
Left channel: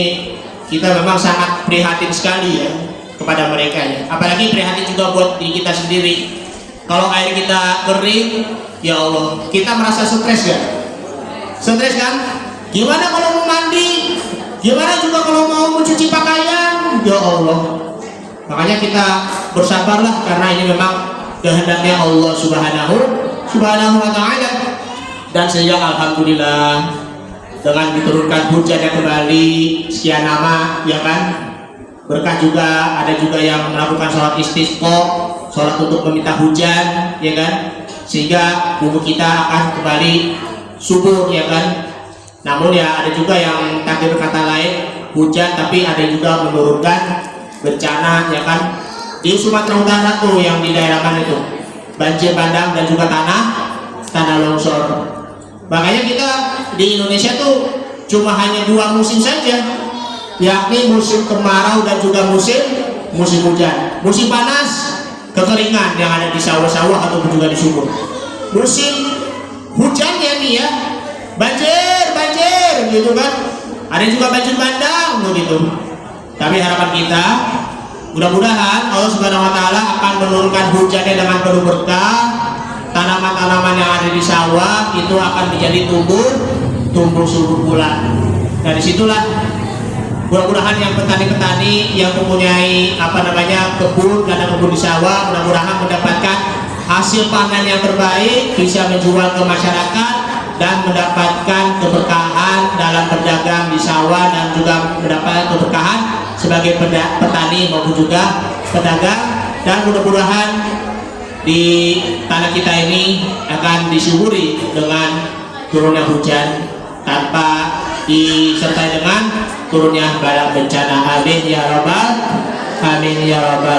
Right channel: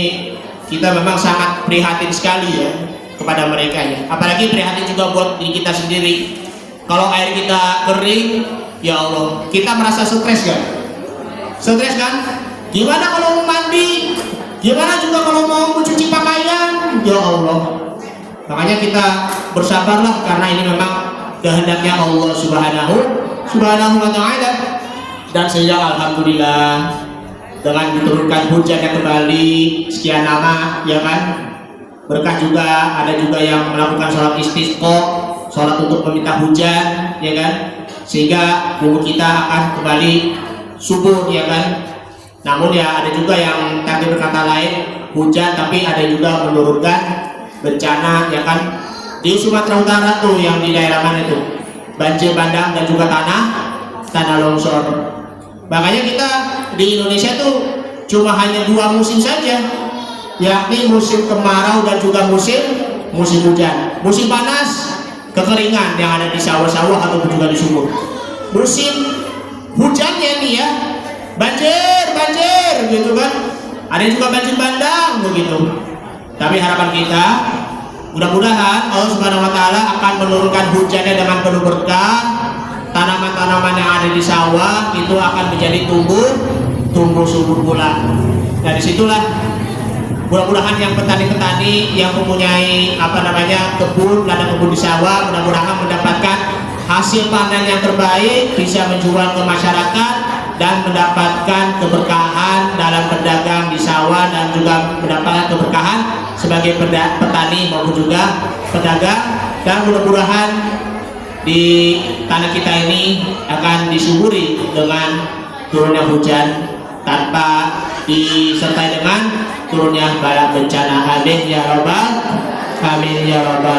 kita memang sangat prihatin sekali ya kepada mereka ya. Apalagi prihatin juga buat diri kita sendiri. Kalau air kita kering, ya Allah, kita merasa stres ya. Stres kan? Gimana kalau mau mandi? Gimana juga kalau mau mencuci pakaian? Ya Allah. Makanya kita bersabarlah karena ini memang kehendaknya Allah Subhanahu wa Ta'ala. Dan sehingga alhamdulillah dengan diturunkan hujan yang kembali sekian lama, ya kan, berkah juga. Ada juga yang melakukan sholat istisqa, sholat untuk meminta hujan, ya kan, sehingga bumi kita akan kembali subur, ya kan. Namun ya ada juga yang tadi berkata lain, hujan tapi ada juga menurunkan bencana, ya kan. Di Sumatera Utara tuh yang di daerah mana itu, banjir bandang dan juga tanah longsor. Makanya kita di Indonesia tuh cuma hanya 2 musim saja, yakni musim kemarau dan juga musim hujan. Musim panas, kekeringan yang ada di sawah-sawah ataupun juga di sumur. Musim hujannya nih ya, banjir gitu kan. Ada juga banjir bandang begitu. Tapi harapan kita, mudah-mudahan Allah Subhanahu wa Ta'ala akan menurunkan hujannya dengan penuh berkah. Tanaman-tanaman yang ada di sawah itu akan menjadi tumbuh subur pula. Dan disitulah mudah-mudahan yang petani-petani yang mempunyai kebun di sawah, mudah-mudahan mendapatkan hasil panen yang terbaik, bisa menjual ke masyarakat dan mendapatkan keberkahan dalam berdagang di sawah, dan juga mendapatkan keberkahan sebagai petani maupun juga pedagang. Dan mudah-mudahan di tanah kita ini akan disuburi dengan turunnya hujan tanpa disertai dengan turunnya bala bencana. Amin ya rabbal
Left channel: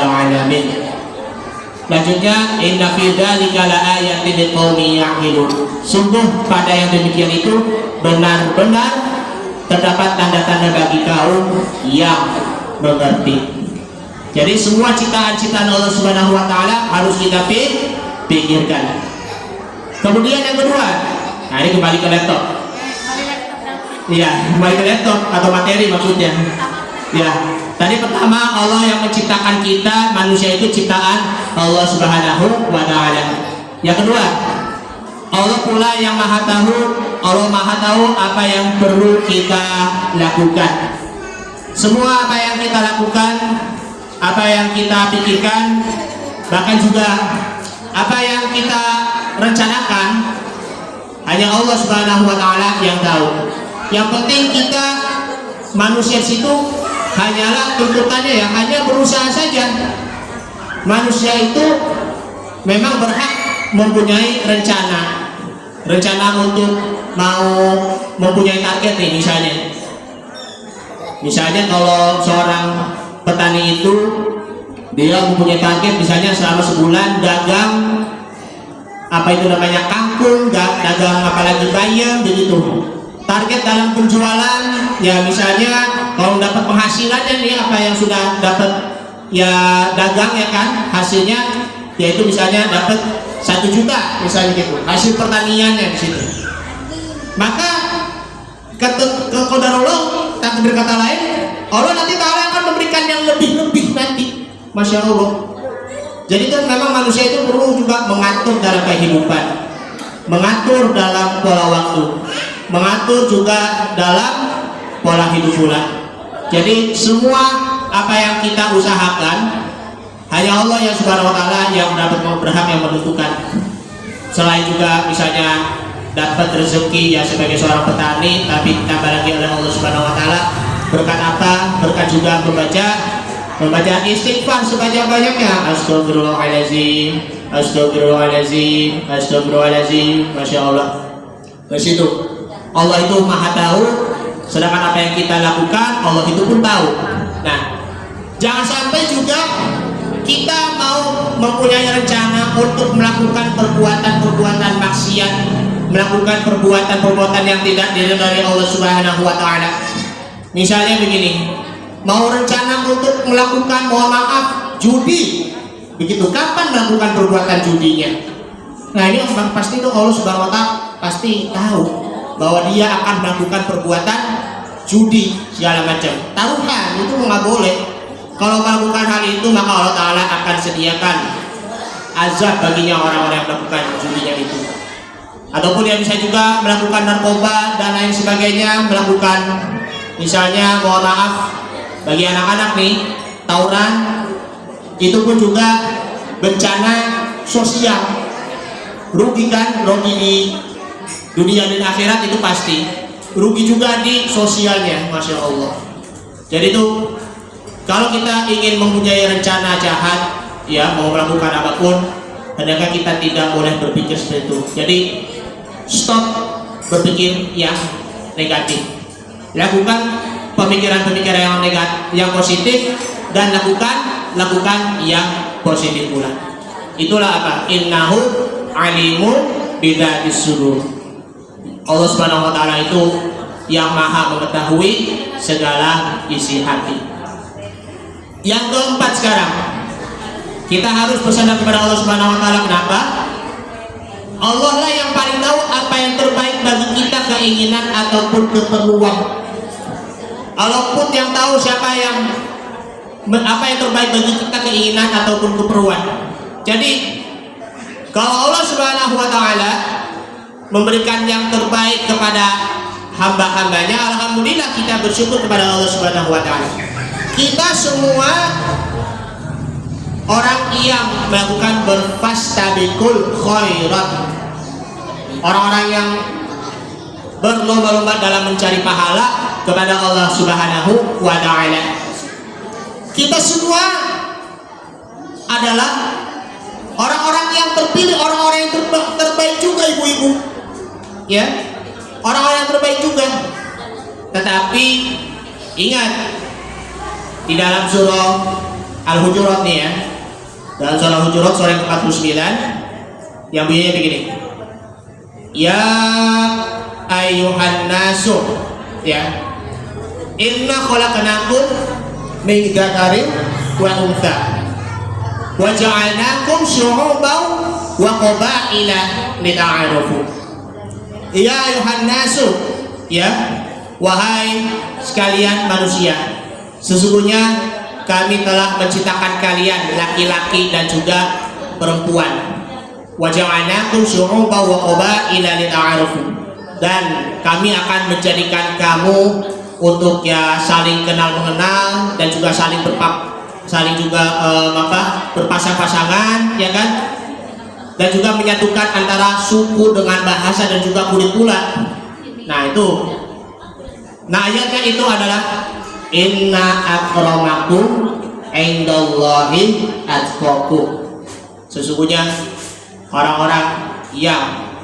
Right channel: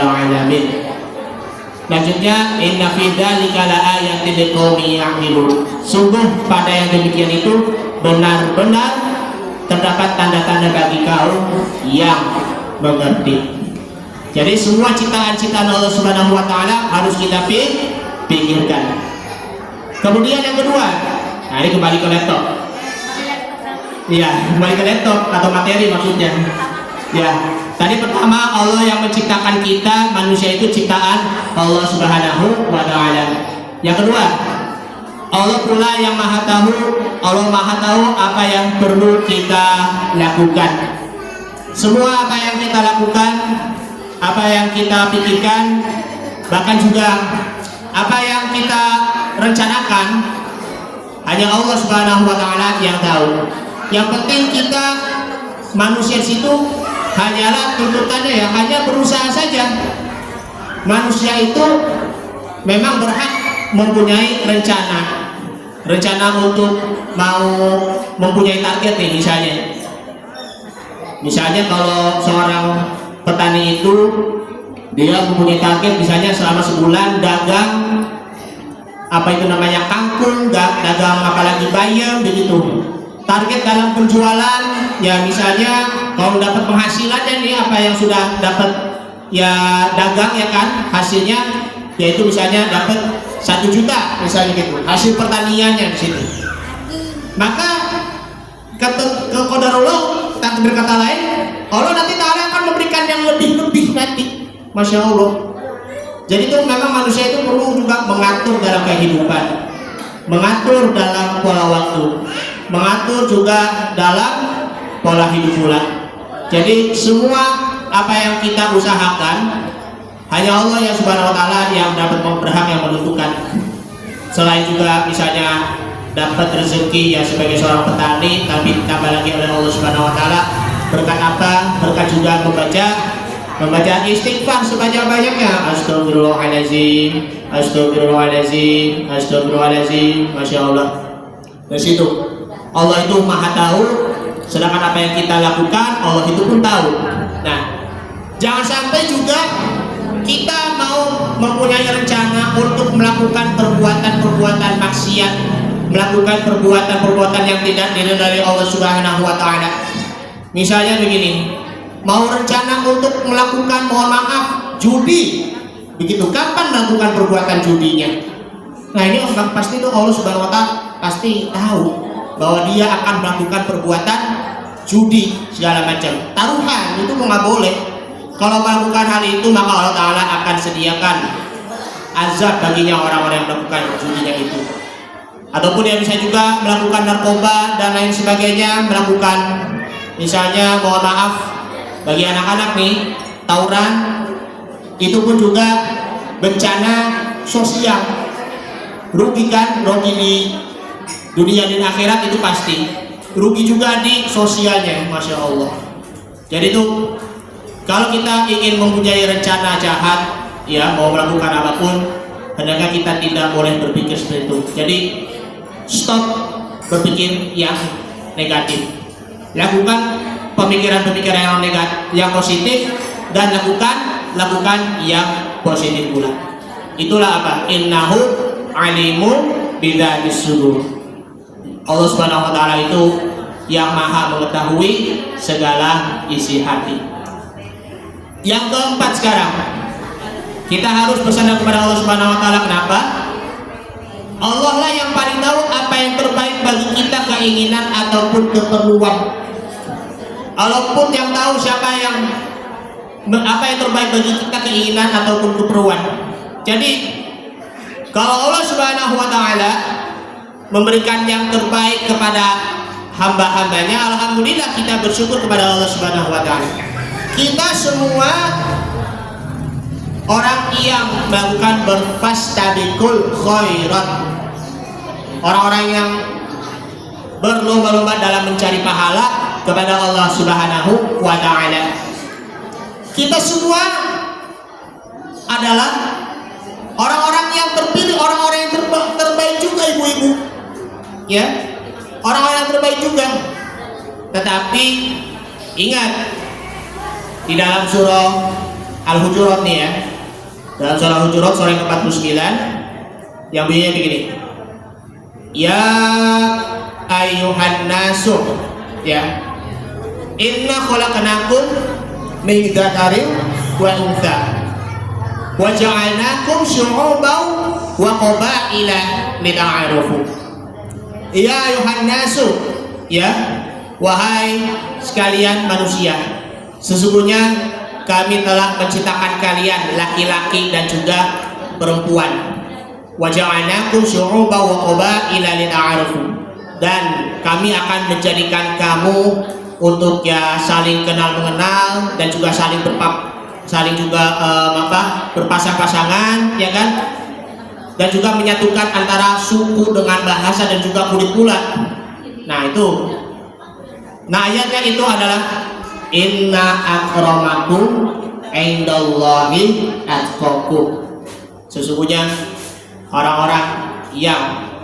alamin. Lanjutnya, inna fi dzalika laayatin liqaumin ya'qilun. Sungguh pada yang demikian itu benar-benar terdapat tanda-tanda bagi kaum yang mengerti. Jadi semua ciptaan-ciptaan Allah Subhanahu wa Ta'ala harus kita pikirkan. Kemudian yang kedua, nah ini kembali ke laptop. Iya, kembali ke laptop atau materi maksudnya. Ya, tadi pertama Allah yang menciptakan kita, manusia itu ciptaan Allah Subhanahu wa Ta'ala. Yang kedua, Allah pula yang maha tahu. Allah maha tahu apa yang perlu kita lakukan. Semua apa yang kita lakukan, apa yang kita pikirkan, bahkan juga apa yang kita rencanakan, hanya Allah Subhanahu wa Ta'ala yang tahu. Yang penting kita manusia situ hanyalah tuntutannya ya hanya berusaha saja. Manusia itu memang berhak mempunyai rencana untuk mau mempunyai target nih. Misalnya kalau seorang petani itu dia mempunyai target, misalnya selama sebulan dagang kangkung, dagang apalagi bayam begitu. Target dalam penjualan ya misalnya kalau dapat penghasilan nih apa yang sudah dapat ya dagang ya kan, hasilnya yaitu misalnya dapat 1 juta misalnya gitu, hasil pertaniannya di situ. Maka kata qadarullah, tak berkata lain, Allah nanti Ta'ala akan memberikan yang lebih nanti. Masya Allah. Jadi itu memang manusia itu perlu juga mengatur dalam kehidupan, mengatur dalam pola waktu, mengatur juga dalam pola hidup pula. Jadi semua apa yang kita usahakan hanya Allah yang Subhanahu wa Ta'ala yang dapat berhak yang menentukan. Selain juga misalnya dapat rezeki ya sebagai seorang petani, tapi ditambah lagi oleh Allah Subhanahu wa Ta'ala berkat apa? Berkat juga membaca istighfar sebanyak-banyaknya. Astagfirullahaladzim. Masya Allah. Di situ Allah itu maha tahu, sedangkan apa yang kita lakukan Allah itu pun tahu. Nah, jangan sampai juga kita mau mempunyai rencana untuk melakukan perbuatan maksiat, melakukan perbuatan yang tidak diridhai Allah Subhanahu wa Ta'ala. Misalnya begini, mau rencana untuk melakukan, mohon maaf, judi. Begitu, kapan melakukan perbuatan judinya? Nah ini pasti itu Allah Subhanahu wa Ta'ala pasti tahu bahwa dia akan melakukan perbuatan judi segala macam. Taruhan itu nggak boleh. Kalau melakukan hal itu maka Allah Ta'ala akan sediakan azab baginya orang-orang yang melakukan judinya itu. Ataupun yang bisa juga melakukan narkoba dan lain sebagainya, melakukan misalnya mohon maaf bagi anak-anak nih tawuran, itu pun juga bencana sosial. Rugi kan? Rugi di dunia dan akhirat itu pasti. Rugi juga di sosialnya, Masya Allah. Jadi itu kalau kita ingin mempunyai rencana jahat, ya mau melakukan apapun, hendaknya kita tidak boleh berpikir seperti itu. Jadi stop berpikir yang negatif. Lakukan pemikiran-pemikiran yang negatif, yang positif, dan lakukan yang positif pula. Itulah apa? Innahu alimun bidzatis sudur. Allah Subhanahu wa taala itu yang maha mengetahui segala isi hati. Yang keempat sekarang, kita harus bersandar kepada Allah Subhanahu wa taala. Kenapa? Allah lah yang paling tahu apa yang terbaik bagi kita, keinginan ataupun keperluan. Allah pun yang tahu apa yang terbaik bagi kita, keinginan ataupun keperluan. Jadi kalau Allah Subhanahu wa taala memberikan yang terbaik kepada hamba-hambanya, alhamdulillah kita bersyukur kepada Allah Subhanahu wa taala. Kita semua orang yang melakukan berfastabiqul khairat, orang-orang yang berlomba-lomba dalam mencari pahala kepada Allah Subhanahu wa taala. Kita semua adalah orang-orang yang terpilih, orang-orang yang terbaik juga, ibu-ibu. Ya, orang-orang yang terbaik juga. Tetapi ingat, di dalam surah Al-Hujurat nih ya, dalam surah Al-Hujurat surah yang ke-49 yang bunyinya begini. Ya ayyuhan nasu, ya, inna khalaqnakum min dzakarin wa untha wa ja'alnakum syu'uban wa qabaila lita'arafu. Ya ayyuhan nasu, ya, wahai sekalian manusia, sesungguhnya kami telah menciptakan kalian laki-laki dan juga perempuan. Wa ja'alnakum syu'uban wa qabaila lita'arafu. Dan kami akan menjadikan kamu untuk ya saling kenal mengenal dan juga saling juga berpasang-pasangan, ya kan? Dan juga menyatukan antara suku dengan bahasa dan juga kulit pula. Nah itu, nah ayatnya itu adalah inna akramakum indallahi atqakum. Sesungguhnya orang-orang yang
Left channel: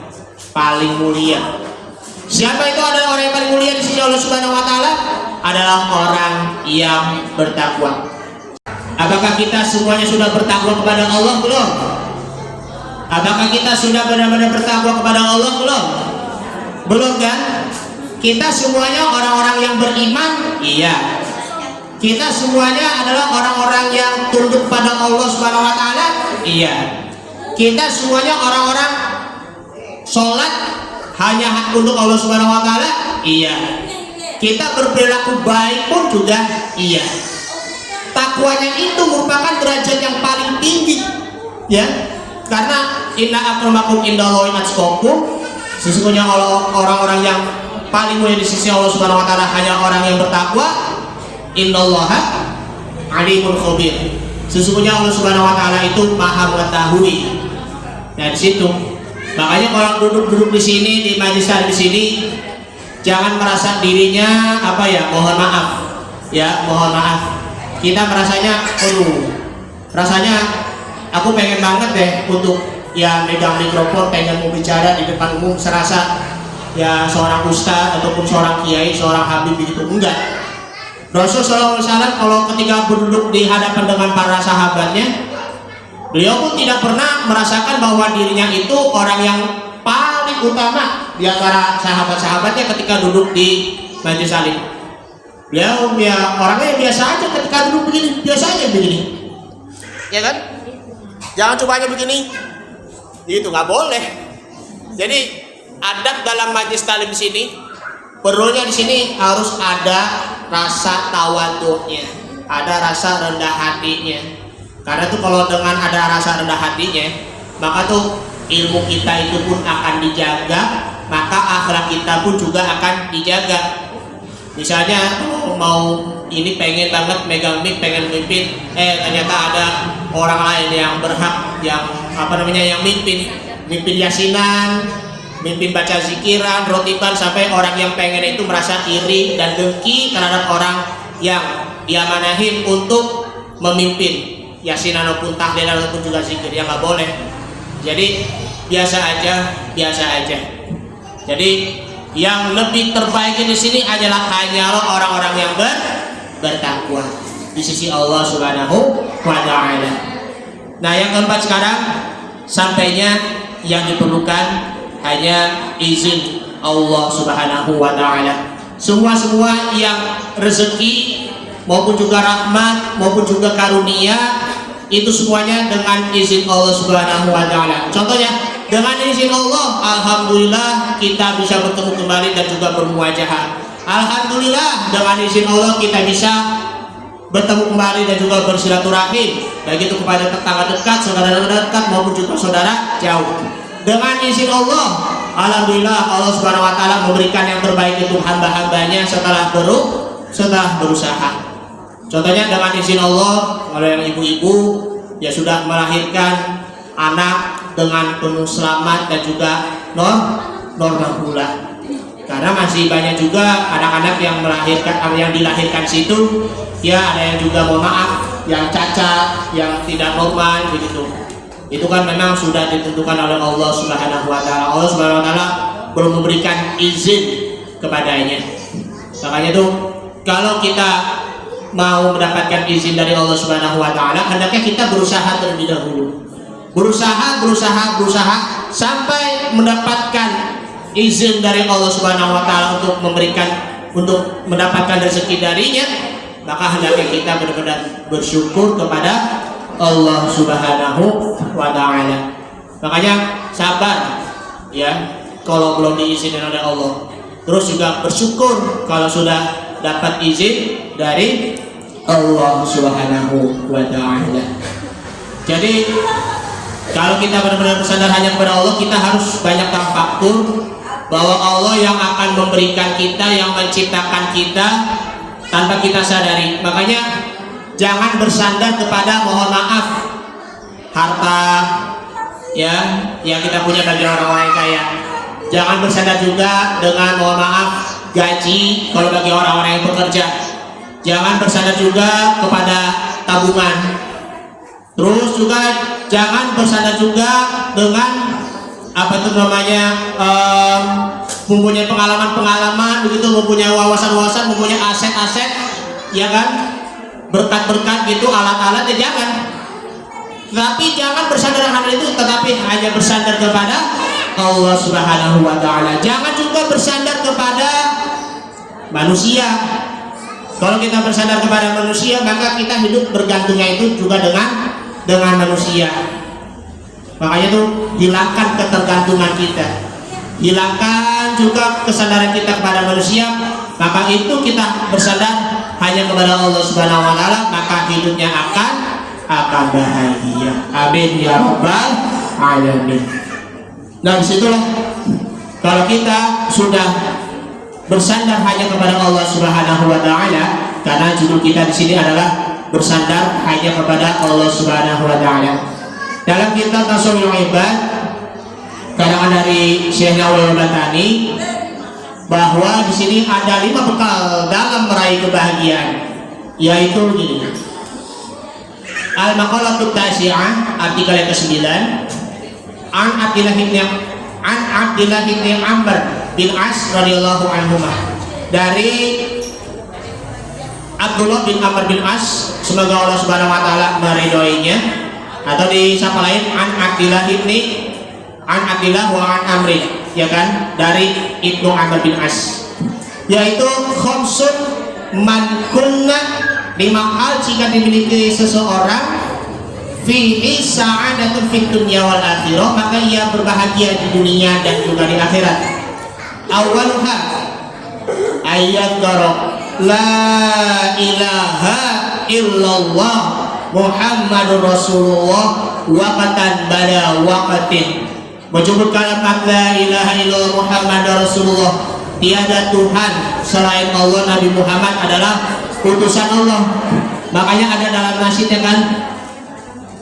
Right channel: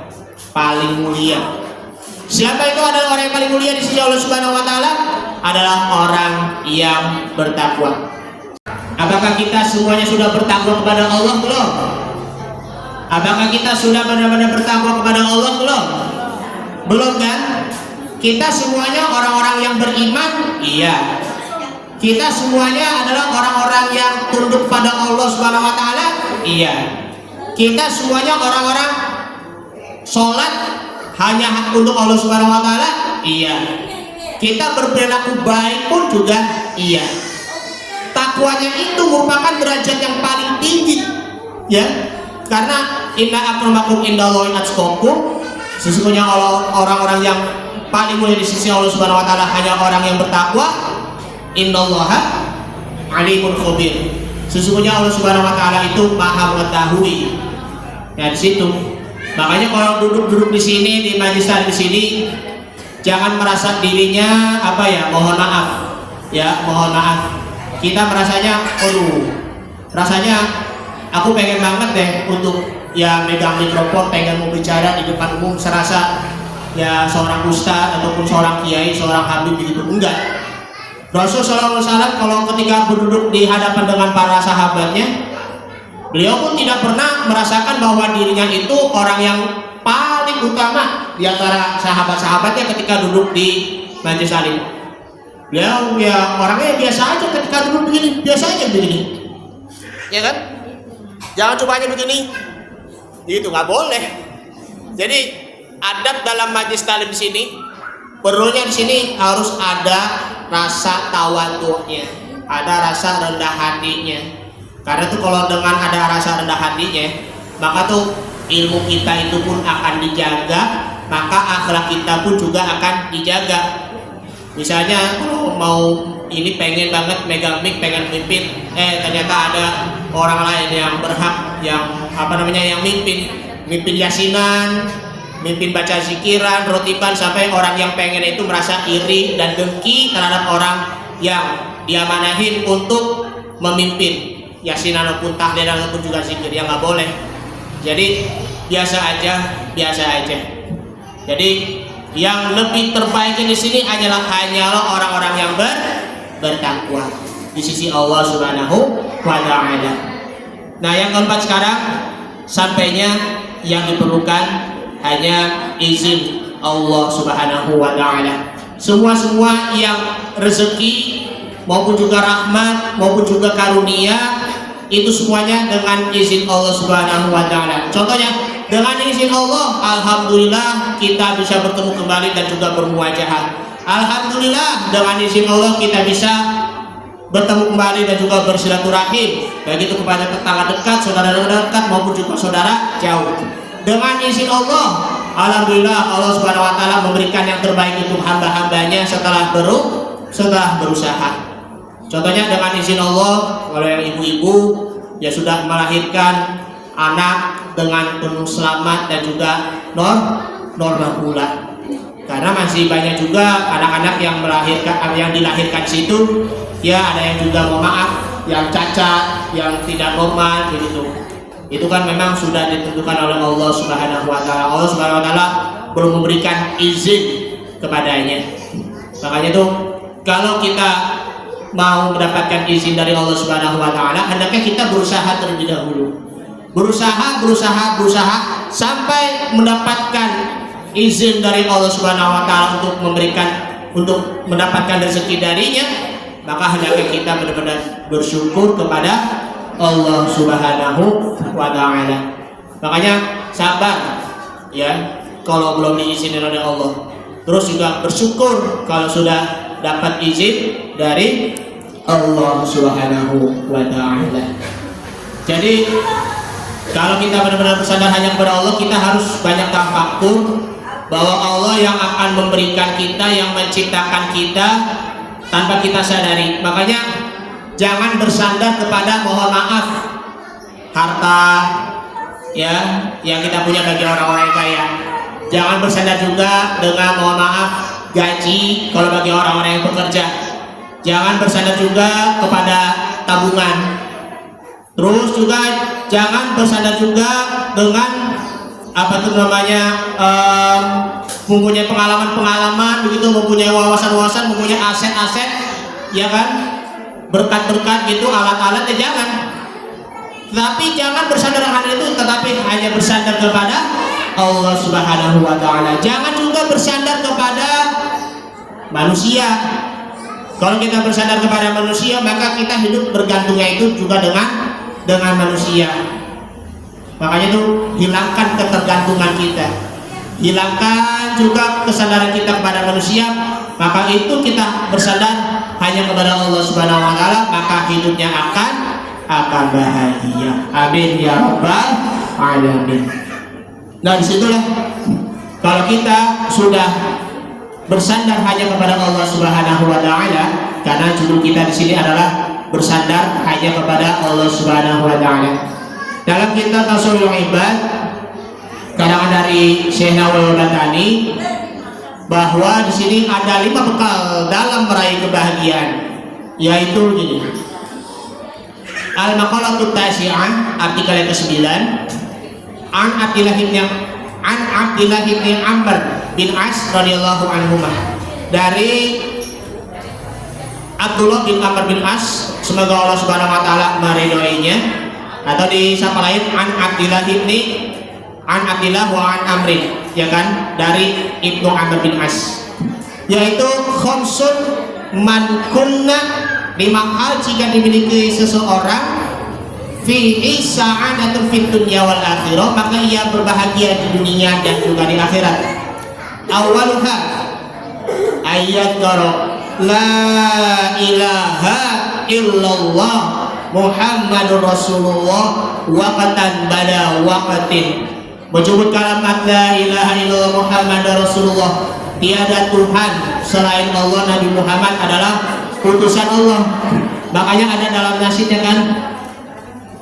paling mulia. Siapa itu adalah orang yang paling mulia di sisi Allah Subhanahu wa taala? Adalah orang yang bertakwa. Apakah kita semuanya sudah bertakwa kepada Allah belum? Apakah kita sudah benar-benar bertakwa kepada Allah belum? Belum kan? Kita semuanya orang-orang yang beriman, iya. Kita semuanya adalah orang-orang yang tunduk pada Allah Subhanahu wa taala, iya. Kita semuanya orang-orang sholat hanya untuk Allah Subhanahu wa taala, iya. Kita berperilaku baik pun juga iya. Takwanya itu merupakan derajat yang paling tinggi, ya. Karena inna akramakum indallahi atqakum, sesungguhnya orang-orang yang paling mulia di sisi Allah Subhanahu wa taala hanya orang yang bertakwa. Innallaha alimul khabir. Sesungguhnya Allah Subhanahu wa taala itu maha mengetahui. Dan situ makanya kalau duduk di sini di majelis di sini, jangan merasa dirinya apa ya, mohon maaf ya, mohon maaf, kita merasanya rasanya aku pengen banget deh untuk ya megang mikrofon, pengen mau bicara di depan umum, serasa ya seorang ustaz ataupun seorang kiai, seorang habib begitu. Enggak. Rasul SAW kalau ketika berduduk di hadapan dengan para sahabatnya, beliau pun tidak pernah merasakan bahwa dirinya itu orang yang paling utama di antara sahabat-sahabatnya ketika duduk di majelis alim. Beliau ya orangnya biasa aja ketika duduk begini, biasa aja begini, ya kan? Jangan cuma aja begini, itu nggak boleh. Jadi adab dalam majelis talim di sini, perlunya di sini harus ada rasa tawadhu'nya, ada rasa rendah hatinya. Karena tuh kalau dengan ada rasa rendah hatinya, maka tuh ilmu kita itu pun akan dijaga, maka akhlak kita pun juga akan dijaga. Misalnya kalau mau ini pengen banget megang mic, pengen mimpin, ternyata ada orang lain yang berhak, yang yang mimpin yasinan, mimpin baca zikiran, rotiban, sampai orang yang pengen itu merasa iri dan dengki terhadap orang yang diamanahin untuk memimpin yasinan ataupun tahlil ataupun juga zikir, yang nggak boleh. Jadi biasa aja. Jadi yang lebih terbaik di sini hanyalah orang-orang yang bertakwa di sisi Allah Subhanahu wa Ta'ala. Nah, yang keempat sekarang, sampainya yang diperlukan hanya izin Allah Subhanahu wa Ta'ala. Semua yang rezeki maupun juga rahmat maupun juga karunia itu semuanya dengan izin Allah Subhanahu wa Ta'ala. Contohnya, dengan izin Allah, alhamdulillah kita bisa bertemu kembali dan juga bermuajahah. Alhamdulillah dengan izin Allah kita bisa bertemu kembali dan juga bersilaturahim, baik itu kepada tetangga dekat, saudara dekat maupun juga saudara jauh. Dengan izin Allah, alhamdulillah Allah Subhanahu wa Ta'ala memberikan yang terbaik untuk hamba-hambanya setelah berusaha. Contohnya dengan izin Allah, kalau yang ibu-ibu ya sudah melahirkan anak dengan penuh selamat dan juga normal pula. Karena masih banyak juga anak-anak yang dilahirkan situ, ya ada yang juga mohon maaf, yang cacat, yang tidak normal begitu. Itu kan memang sudah ditentukan oleh Allah Subhanahu wa Ta'ala. Allah Subhanahu wa Ta'ala belum memberikan izin kepadanya. Makanya itu kalau kita mau mendapatkan izin dari Allah Subhanahu wa Ta'ala, hendaknya kita berusaha terlebih dahulu. Berusaha sampai mendapatkan izin dari Allah Subhanahu wa Ta'ala untuk mendapatkan rezeki darinya. Maka hendaknya kita benar-benar bersyukur kepada Allah Subhanahu wa Ta'ala. Makanya sabar ya kalau belum diizinin oleh Allah. Terus juga bersyukur kalau sudah dapat izin dari Allah Subhanahu wa Ta'ala. Jadi kalau kita benar-benar bersandar hanya kepada Allah, kita harus banyak tafakkur bahwa Allah yang akan memberikan kita, yang menciptakan kita tanpa kita sadari. Makanya jangan bersandar kepada, mohon maaf, harta ya yang kita punya bagi orang-orang yang kaya. Jangan bersandar juga dengan, mohon maaf, gaji kalau bagi orang-orang yang bekerja. Jangan bersandar juga kepada tabungan. Terus juga jangan bersandar juga dengan mempunyai pengalaman-pengalaman begitu, mempunyai wawasan-wawasan, mempunyai aset-aset, ya kan, berkat-berkat gitu, alat-alat, ya jangan. Tapi jangan bersandar hal itu, tetapi hanya bersandar kepada Allah Subhanahu wa Ta'ala. Jangan juga bersandar kepada manusia. Kalau kita bersandar kepada manusia, maka kita hidup bergantungnya itu juga dengan manusia. Makanya itu hilangkan ketergantungan kita, hilangkan juga kesadaran kita kepada manusia. Maka itu kita bersandar hanya kepada Allah Subhanahu wa Ta'ala, maka hidupnya akan bahagia. Amin ya rabbal alamin. Nah, disitulah kalau kita sudah bersandar hanya kepada Allah Subhanahu wa Ta'ala, karena judul kita di sini adalah bersandar hanya kepada Allah Subhanahu wa Ta'ala. Dalam kitab Tasawwuful Ibad karangan dari Syekh Nawawi Batani, bahwa di sini ada 5 bekal dalam meraih kebahagiaan, yaitu gini. Al-Maqalatut Tasi'ah, artikel yang ke-9, An Abdillah bin Amr bin As radhiyallahu anhu, dari Abdullah bin Amr bin As, semoga Allah Subhanahu wa Ta'ala meridhoinya, atau disapa lain An Abdillah wa An Amri, ya kan, dari Ibnu Amr bin As, yaitu khamsun man kunna, 5 hal jika dimiliki seseorang, fihi sa'adatun fid dunya wal akhirah, maka ia berbahagia di dunia dan juga di akhirat. Awaluha ayyadhkara la ilaha illallah Muhammadur Rasulullah waqatan bada waqatin, menyebut kalimat la ilaha illallah Muhammadur Rasulullah, tiada Tuhan selain Allah, Nabi Muhammad adalah utusan Allah. Makanya ada dalam nasyid, kan,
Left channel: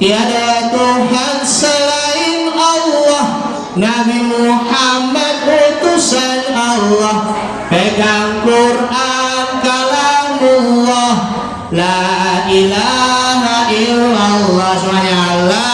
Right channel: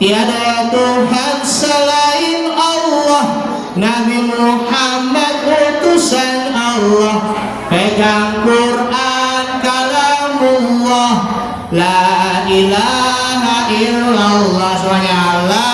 tiada Tuhan selain Allah, Nabi Muhammad utusan Allah, pegang Quran kalamullah, la ilaha illallah. Semuanya Allah.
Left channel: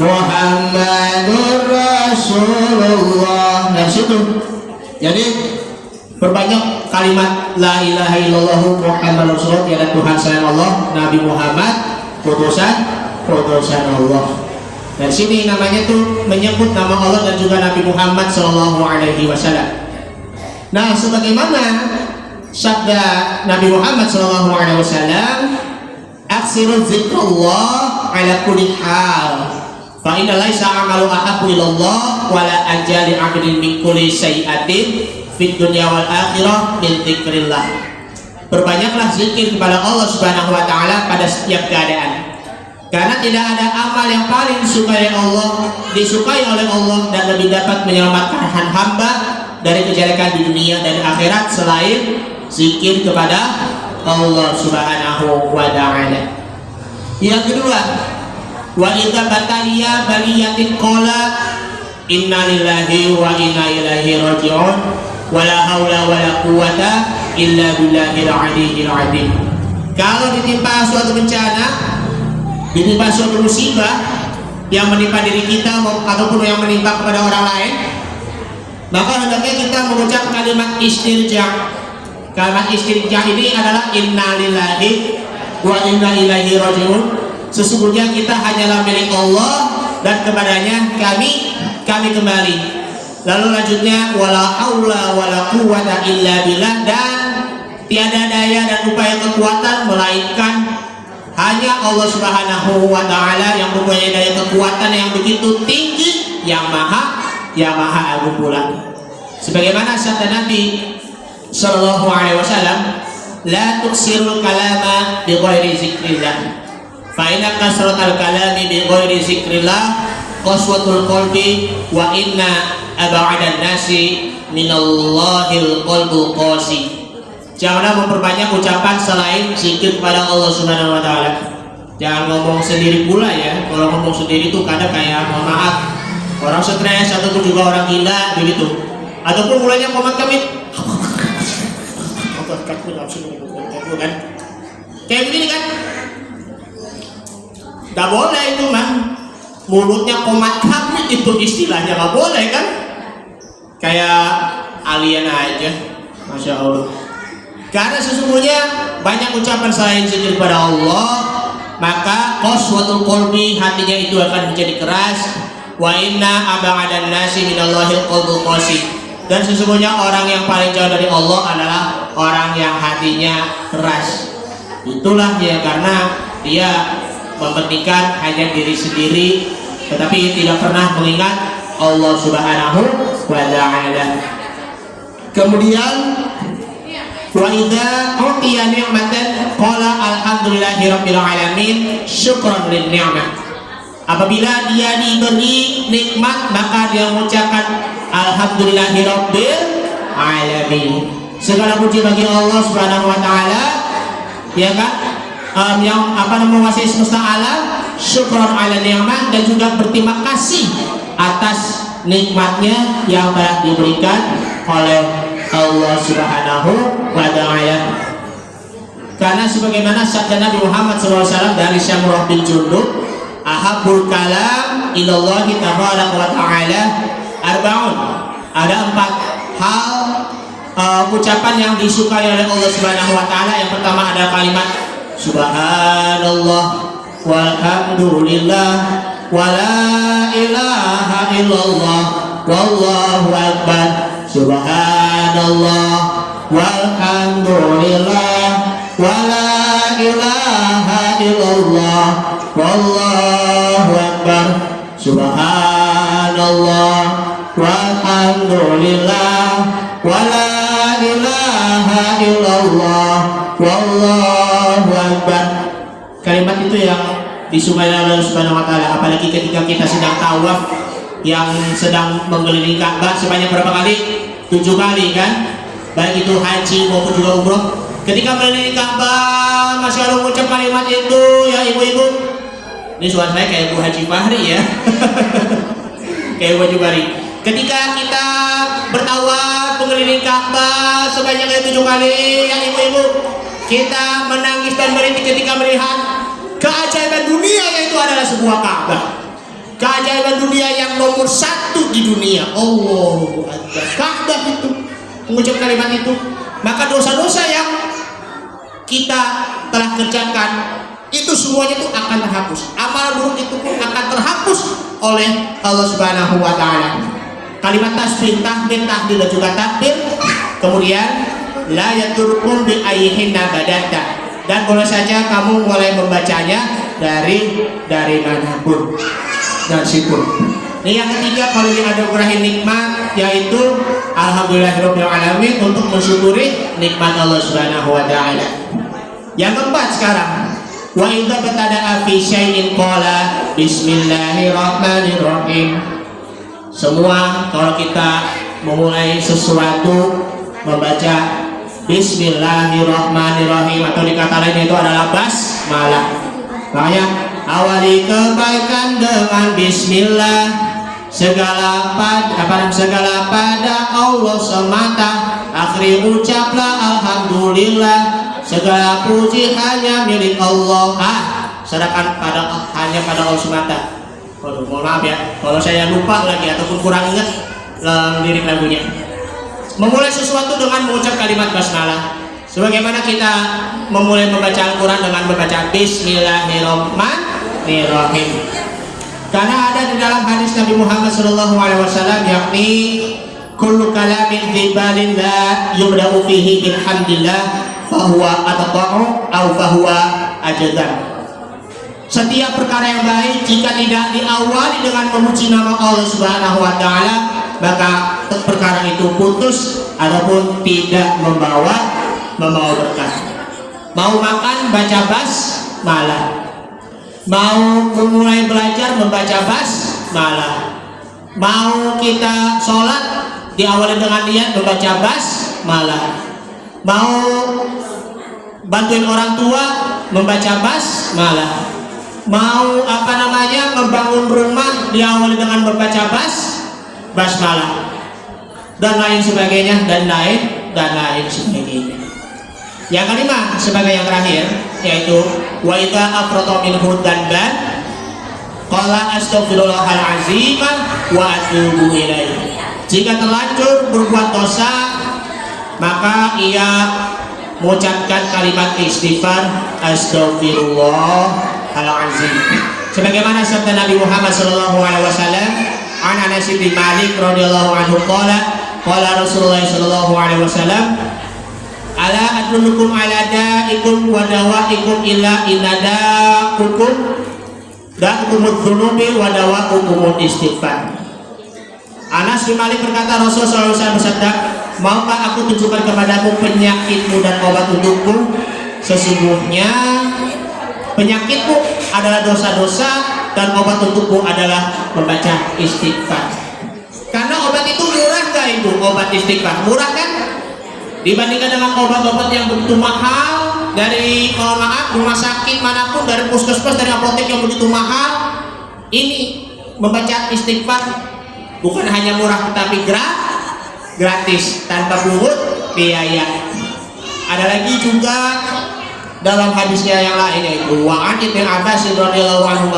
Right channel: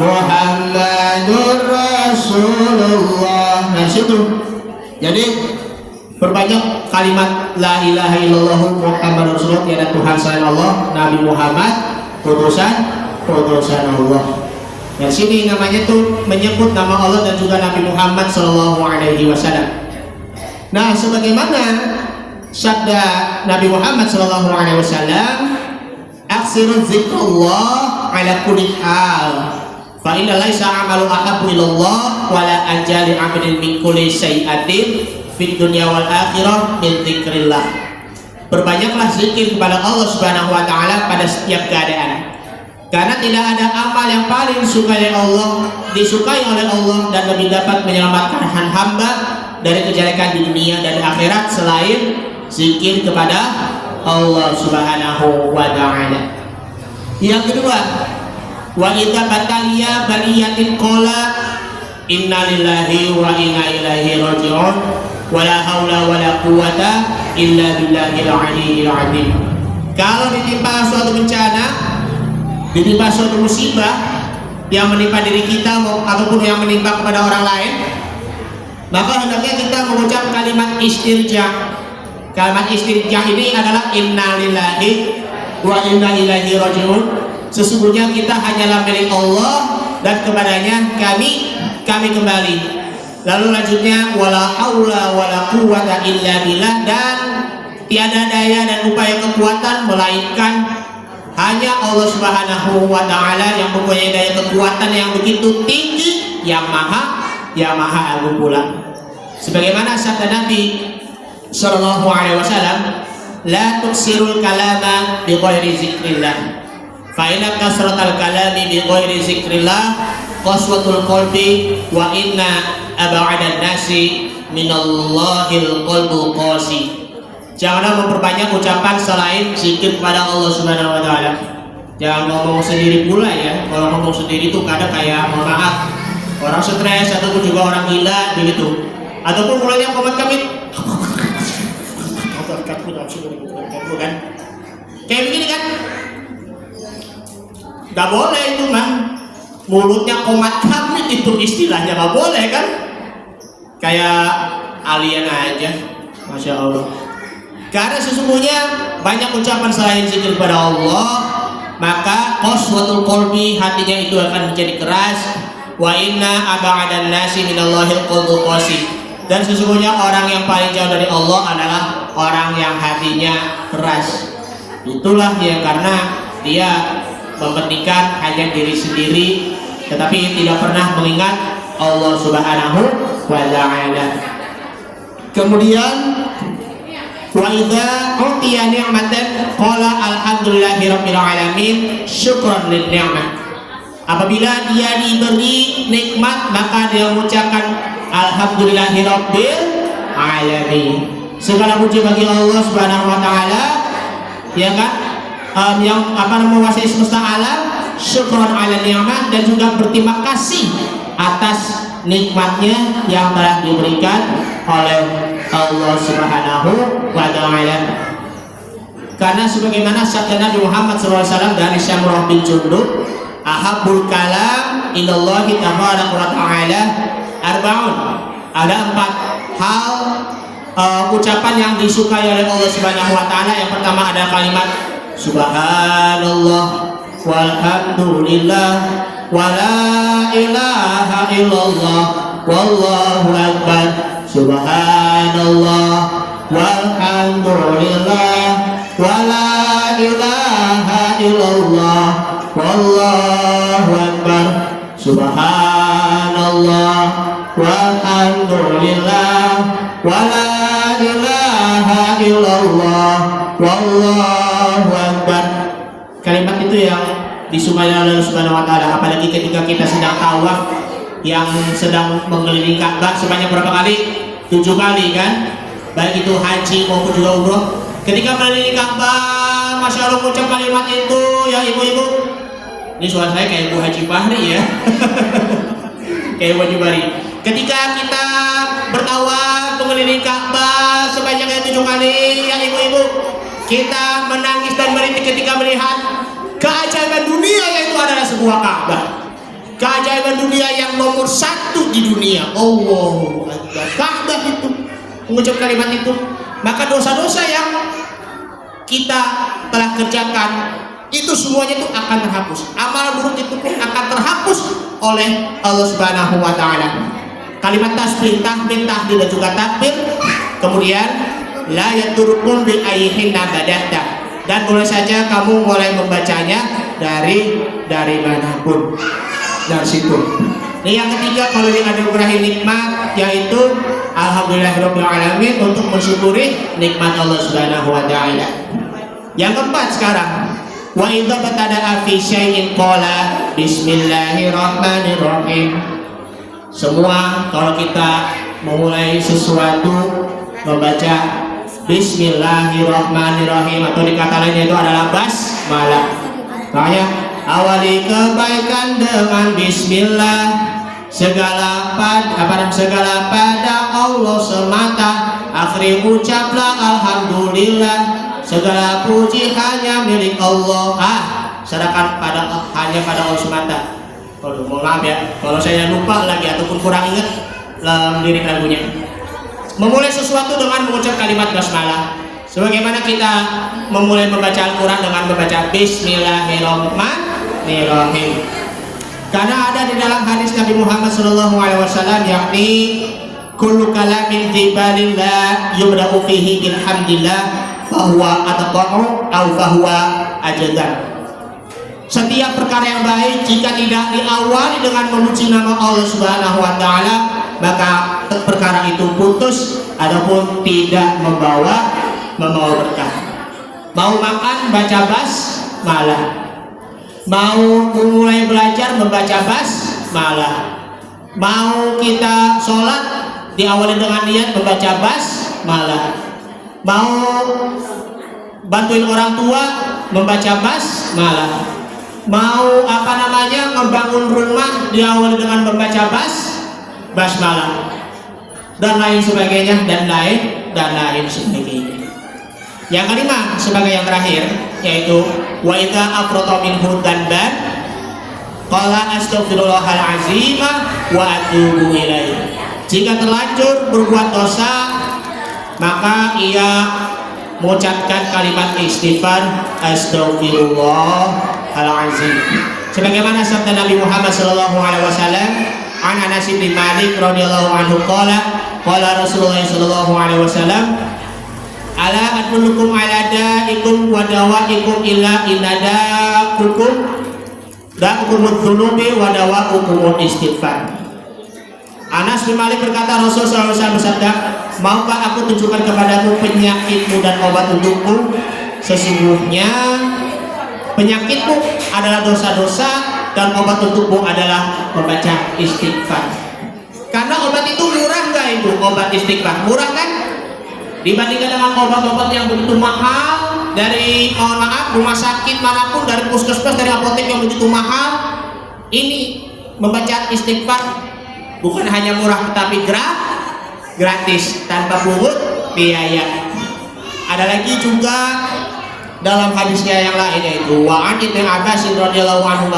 Muhammadur Rasulullah. Dari situ, jadi berbanyak kalimat la ilaha illallah Muhammadur Rasulullah, tiada Tuhan selain Allah, Nabi Muhammad utusan Allah. Dari sini namanya tuh menyebut nama Allah dan juga Nabi Muhammad Shallallahu Alaihi Wasallam. Nah, sebagaimana sabda Nabi Muhammad Shallallahu Alaihi Wasallam, aksiru zikrullah ala kulli hal. Fa inna laisa amalu ahabbu ilallah wa la ajali 'abdin min kulli syai'atin fid dunya wal akhirah min dzikrillah. Berbanyaklah zikir kepada Allah Subhanahu wa taala pada setiap keadaan. Karena tidak ada amal yang paling disukai oleh Allah dan lebih dapat menyelamatkan hamba dari kejelekan di dunia dan akhirat selain zikir kepada Allah Subhanahu wa taala. Yang kedua, wa idza bataliya baliyatin qala inna lillahi wa inna ilaihi raji'un wa la haula wa la quwwata illa billahil aliyyil azim. Kalau ditimpa suatu bencana, ditimpa suatu musibah yang menimpa diri kita ataupun yang menimpa kepada orang lain, maka hendaknya kita mengucap kalimat istirja. Kalimat istirja ini adalah inna lillahi wa inna ilaihi raji'un. Sesungguhnya kita hanyalah milik Allah dan kepadanya kami kembali. Lalu lanjutnya wala haula wala quwwata illa billah, dan tiada daya dan upaya kekuatan melainkan hanya Allah Subhanahu wa taala yang mempunyai daya kekuatan yang begitu tinggi, yang maha agung pula. Sebagaimana sabda Nabi sallallahu alaihi wasallam, la tuksirul kalama bi ghairi zikrillah. Fa inna kasratal kalami bi ghairi zikrillah qaswatul qalbi wa inna ab'adan nasi minallahil qalbu qasi. Janganlah memperbanyak ucapan selain zikir kepada Allah Subhanahu wa taala. Jangan ngomong sendiri pula ya. Kalau ngomong sendiri itu kadang kayak mohon maaf, orang stres ataupun juga orang gila begitu. Ataupun mulanya komat-kamit. Kan? Kayak begini kan? Gak boleh itu mah. Mulutnya komat kamit itu istilahnya gak boleh kan? Kayak alien aja. Masya Allah. Karena sesungguhnya banyak ucapan selain zikir kepada Allah, maka qaswatul qalbi, hatinya itu akan menjadi keras. Wa inna ab'adan nasi minallahil qalbu qasi. Dan sesungguhnya orang yang paling jauh dari Allah adalah orang yang hatinya keras. Itulah dia, karena dia mementingkan hanya diri sendiri, tetapi tidak pernah mengingat Allah Subhanahu wa ta'ala. Kemudian wa idza utiya ni'matan qala alhamdulillahirabbil alamin syukran lin ni'mah. Apabila dia diberi nikmat, maka dia mengucapkan alhamdulillahirabbil alamin. Segala puji bagi Allah Subhanahu wa taala, ya kan? Yang menguasai semesta alam, syukran ala ni'mah, dan juga berterima kasih atas nikmatnya yang telah diberikan oleh Allah Subhanahu wa ta'ala. Karena sebagaimana sabda Nabi Muhammad SAW dari Syamrah bin Jundub, ahabbul kalam ilallahi tabaraka wa ta'ala arba'un. Ada 4 hal ucapan yang disukai oleh Allah Subhanahu wa ta'ala. Yang pertama ada kalimat subhanallah walhamdulillah wala ilaha illallah wallahu akbar. Subhanallah walhamdulillah wala ilaha illallah wallahu akbar. Subhanallah walhamdulillah wala ilaha illallah wallahu akbar. Kalimat itu yang disukai oleh Allah Subhanahu wa taala, apalagi ketika kita sedang tawaf, yang sedang mengelilingi Ka'bah sebanyak berapa kali? 7 kali kan? Baik itu haji maupun juga umroh. Ketika mengelilingi Ka'bah, Masya Allah mengucap kalimat itu, ya ibu-ibu. Ini suara saya kayak Ibu Haji Fahri ya. Kayak Ibu Haji Fahri. Ketika kita bertawaf mengelilingi Ka'bah sebanyak 7 kali, ya ibu-ibu, kita menangis dan merintih ketika melihat keajaiban dunia, yaitu adalah sebuah Ka'bah. Keajaiban dunia yang nomor 1 di dunia. Allahu Akbar. Ka'bah itu mengucap kalimat itu, maka dosa-dosa yang kita telah kerjakan itu semuanya itu akan terhapus. Amalan buruk itu pun akan terhapus oleh Allah Subhanahu wa taala. Kalimat tasbih, tahmid, tahlil dan juga takbir. Kemudian la yaturkum bi ayhin nabadata. Dan boleh saja kamu mulai membacanya dari manapun. Dari situ. Ini yang ketiga, kalau ini ada berakhir nikmat, yaitu alhamdulillahirabbil alamin, untuk mensyukuri nikmat Allah Subhanahu wa taala. Yang keempat sekarang, wa idza batada'a fi syai'in qala bismillahirrahmanirrahim. Semua kalau kita memulai sesuatu membaca bismillahirrahmanirrahim, atau dikata lain itu adalah basmalah. Makanya awali kebaikan dengan bismillah, segala pada Allah semata, akhiri ucaplah alhamdulillah, segala puji hanya milik Allah. Serahkan hanya pada Allah semata. Mohon maaf ya kalau saya lupa lagi ataupun kurang ingat lirik lagunya. Memulai sesuatu dengan mengucap kalimat basmalah, sebagaimana kita memulai membaca Al-Quran dengan membaca bismillahirrahmanirrahim. Karena ada di dalam hadis Nabi Muhammad SAW, yakni kullu kalamin fi balillah yubda'u fihi bilhamdillah fahuwa ataqa'u au fahuwa ajdan. Setiap perkara yang baik jika tidak diawali dengan memuji nama Allah Subhanahu wa taala, maka perkara itu putus ataupun tidak membawa berkah. Mau makan baca basmalah, mau mulai belajar membaca basmalah, mau kita sholat diawali dengan niat membaca basmalah, mau bantuin orang tua membaca basmalah, mau membangun rumah diawali dengan membaca basmalah, dan lain sebagainya, dan lain sebagainya. Yang kelima sebagai yang terakhir, yaitu wa idza afrata minhu dan qala astaghfirullahal azim wa atubu ilaihi. Jika terlanjur berbuat dosa, maka ia mengucapkan kalimat istighfar astaghfirullahal azim. Sebagaimana sabda Nabi Muhammad SAW, an Anas bin Malik radhiyallahu anhu qala Rasulullah sallallahu alaihi wasallam, ala adullukum ala da'ikum wa dawa'ikum illa inadakukum da'ukumud dhunubi wa dawa'ukumud istighfar. Anas bin Malik berkata, Rasulullah SAW bersabda, maukah aku tunjukkan kepadamu penyakitmu dan obat untukmu? Sesungguhnya penyakitmu adalah dosa-dosa dan obat untukmu adalah membaca istighfar. Karena obat itu murah gak itu? Obat istighfar murah kan? Dibandingkan dengan obat-obat yang begitu mahal dari rumah sakit manapun, dari puskesmas, dari apotek yang begitu mahal, ini membaca istighfar bukan hanya murah tetapi gratis tanpa pungut biaya. Ada lagi juga dalam hadisnya yang lain, yaitu wa an Ibnu Abbas radhiyallahu anhu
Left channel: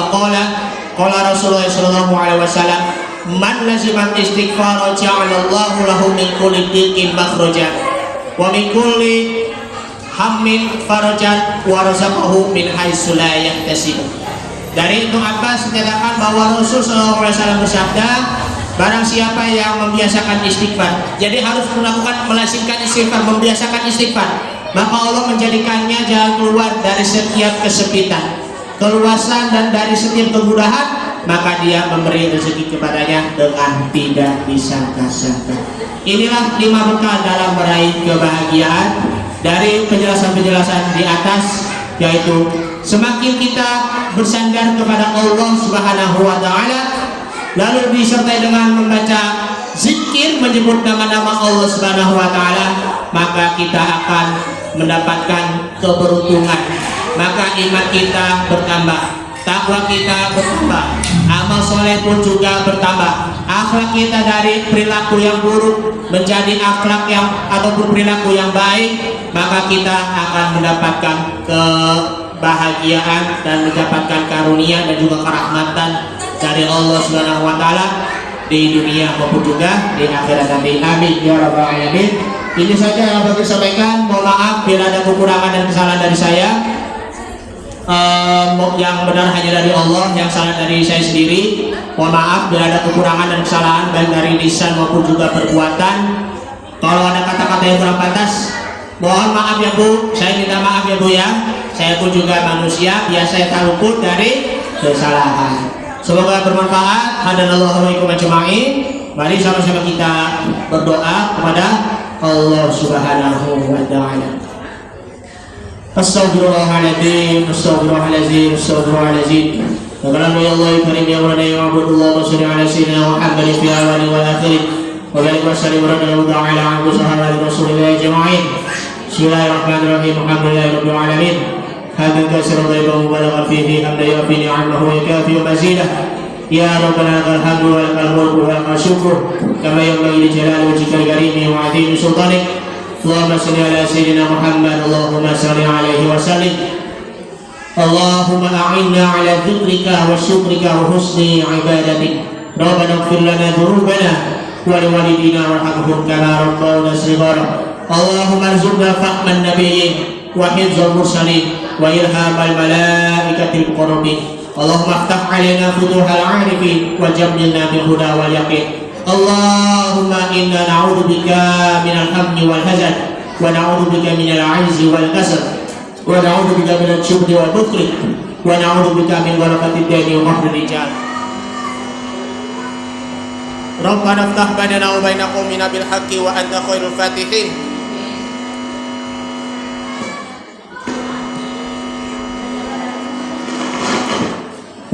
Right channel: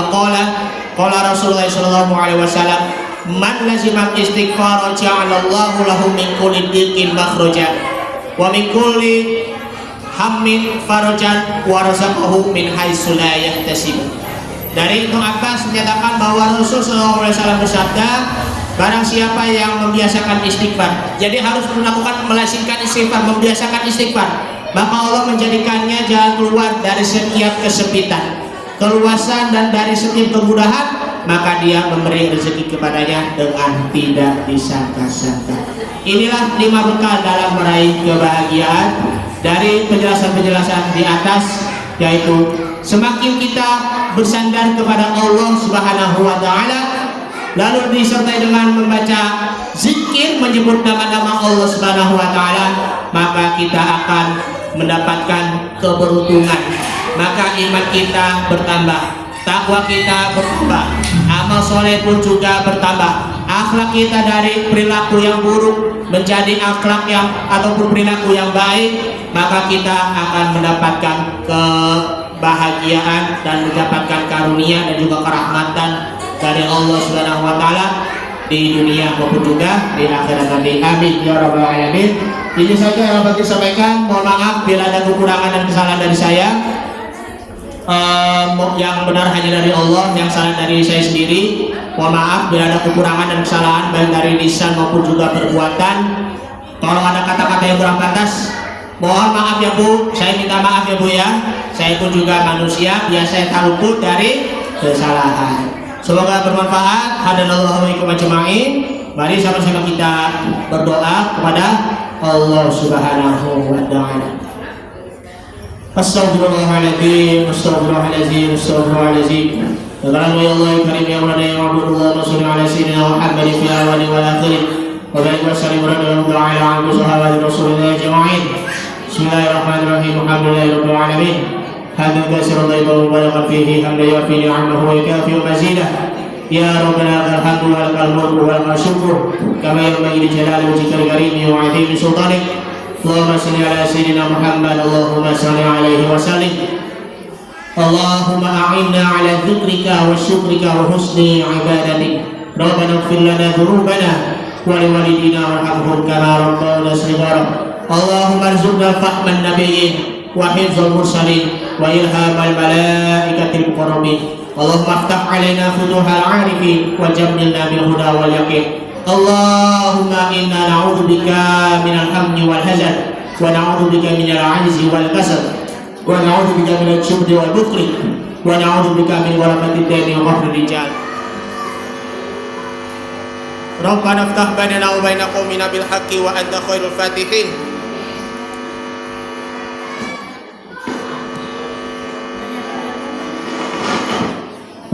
qala Rasulullah sallallahu alaihi wasallam, man lazima istighfar ja'alallahu lahu min kulli dhiqin makhraja wa min kulli hammin farajan wa razaqahu min haitsu la yahtasib. Dari Ibnu Abbas menyatakan bahwa Rasulullah SAW bersabda, barang siapa yang membiasakan istighfar, jadi harus melazimkan istighfar, membiasakan istighfar, maka Allah menjadikannya jalan keluar dari setiap kesempitan, keluasan, dan dari setiap kemudahan, maka dia memberi rezeki kepadanya dengan tidak disangka-sangka. Inilah 5 bekal dalam meraih kebahagiaan dari penjelasan-penjelasan di atas, yaitu semakin kita bersandar kepada Allah Subhanahu wa taala, lalu disertai dengan membaca zikir menyebut nama-nama Allah Subhanahu wa taala, maka kita akan mendapatkan keberuntungan. Maka iman kita bertambah, takwa kita bertambah, amal soleh pun juga bertambah. Akhlak kita dari perilaku yang buruk menjadi akhlak yang ataupun perilaku yang baik, maka kita akan mendapatkan kebahagiaan dan mendapatkan karunia dan juga kerahmatan dari Allah Subhanahu wa taala di dunia maupun juga di akhirat nanti. Amin ya rabbal alamin. Ini saja yang dapat disampaikan. Mohon maaf bila ada kekurangan dan kesalahan dari saya. Yang benar hanya dari Allah, yang salah dari saya sendiri. Mohon maaf bila ada kekurangan dan kesalahan baik dari lisan maupun juga perbuatan. Kalau ada kata-kata yang kurang pantas, mohon maaf ya Bu. Saya minta maaf ya Bu ya. Saya pun juga manusia, biasa tak luput dari kesalahan. Semoga bermanfaat. Hadanallahu wa iyyakum ajma'in. Mari sama-sama kita berdoa kepada Allah Subhanahu wa taala. Astaghfirullahaladzim, astaghfirullahaladzim, astaghfirullahaladzim. Karena Allah karim ya wa ya abdullah wa salli ala sayyidina Muhammad fi awali wal akhir. Wa barik wa sallim ala sahabati rasulillah ajma'in. Bismillahirrahmanirrahim. Alhamdulillahirabbil alamin. Hamdan katsiran tayyiban mubarakan fihi hamdan yafi ni'amahu wa yukafi mazidah. Ya Rabbana lakal hamdu wa lakal mulku wa lakal syukru kama yanbaghi li jalali wajhikal karim wa 'azimi sultanik. Allahumma shalli ala sayyidina Muhammad. Allahumma shalli alaihi wa sallim. Allahumma a'inna ala dzikrika wa syukrika wa husni ibadatik. Rabbana ighfir lana dzunubana wa liwalidina warhamhum kama rabbayana shighara. Allahumma arzuqna fahman nabiyyin wa hifdzal mursalin wa ilhamal malaikatil muqarrabin. Allahumma aftah alaina futuhal 'arifin wa jammilna bil huda wal yaqin. Allahumma inna na'udzubika minal hammi wal hazan wa na'udzubika minal 'ajzi wal kasal wa na'udzubika minal jubni wal bukhli wa na'udzubika min ghalabati ad-dini wa qahri rijal. Rabbana iftah bainana wa baina qaumina bil haqqi wa anta khairul fatihin.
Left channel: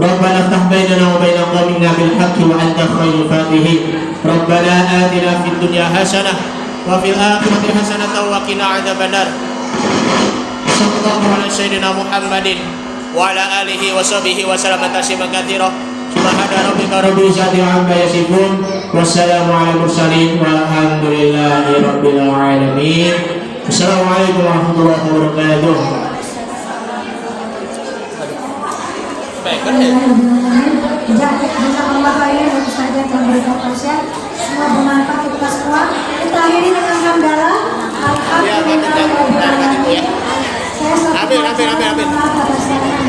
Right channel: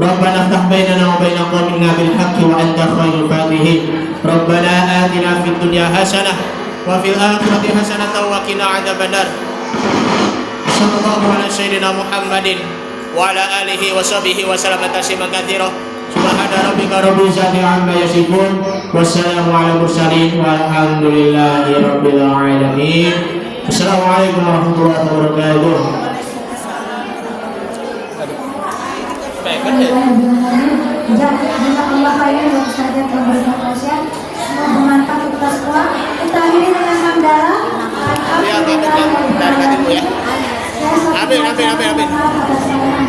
Rabbana iftah bainana wa baina qaumina bil haqqi wa anta khairul fatihin. Rabbana atina fid dunya hasanah wa fil akhirati hasanah wa qina adzabannar. Sallallahu ala sayyidina Muhammadin wa ala alihi wa sahbihi wa sallam tasliman katsira. Subhana rabbika rabbil izzati amma yasifun. Wassalamu ala mursalin walhamdulillahi rabbil alamin. Assalamualaikum warahmatullahi wabarakatuh. Jazakallah khairan untuk Ustaz yang memberikan nasihat. Semoga bermanfaat untuk kita semua. Kita akhiri dengan hamdalah. Alhamdulillahirabbil alamin. Saya sampaikan maaf atas salah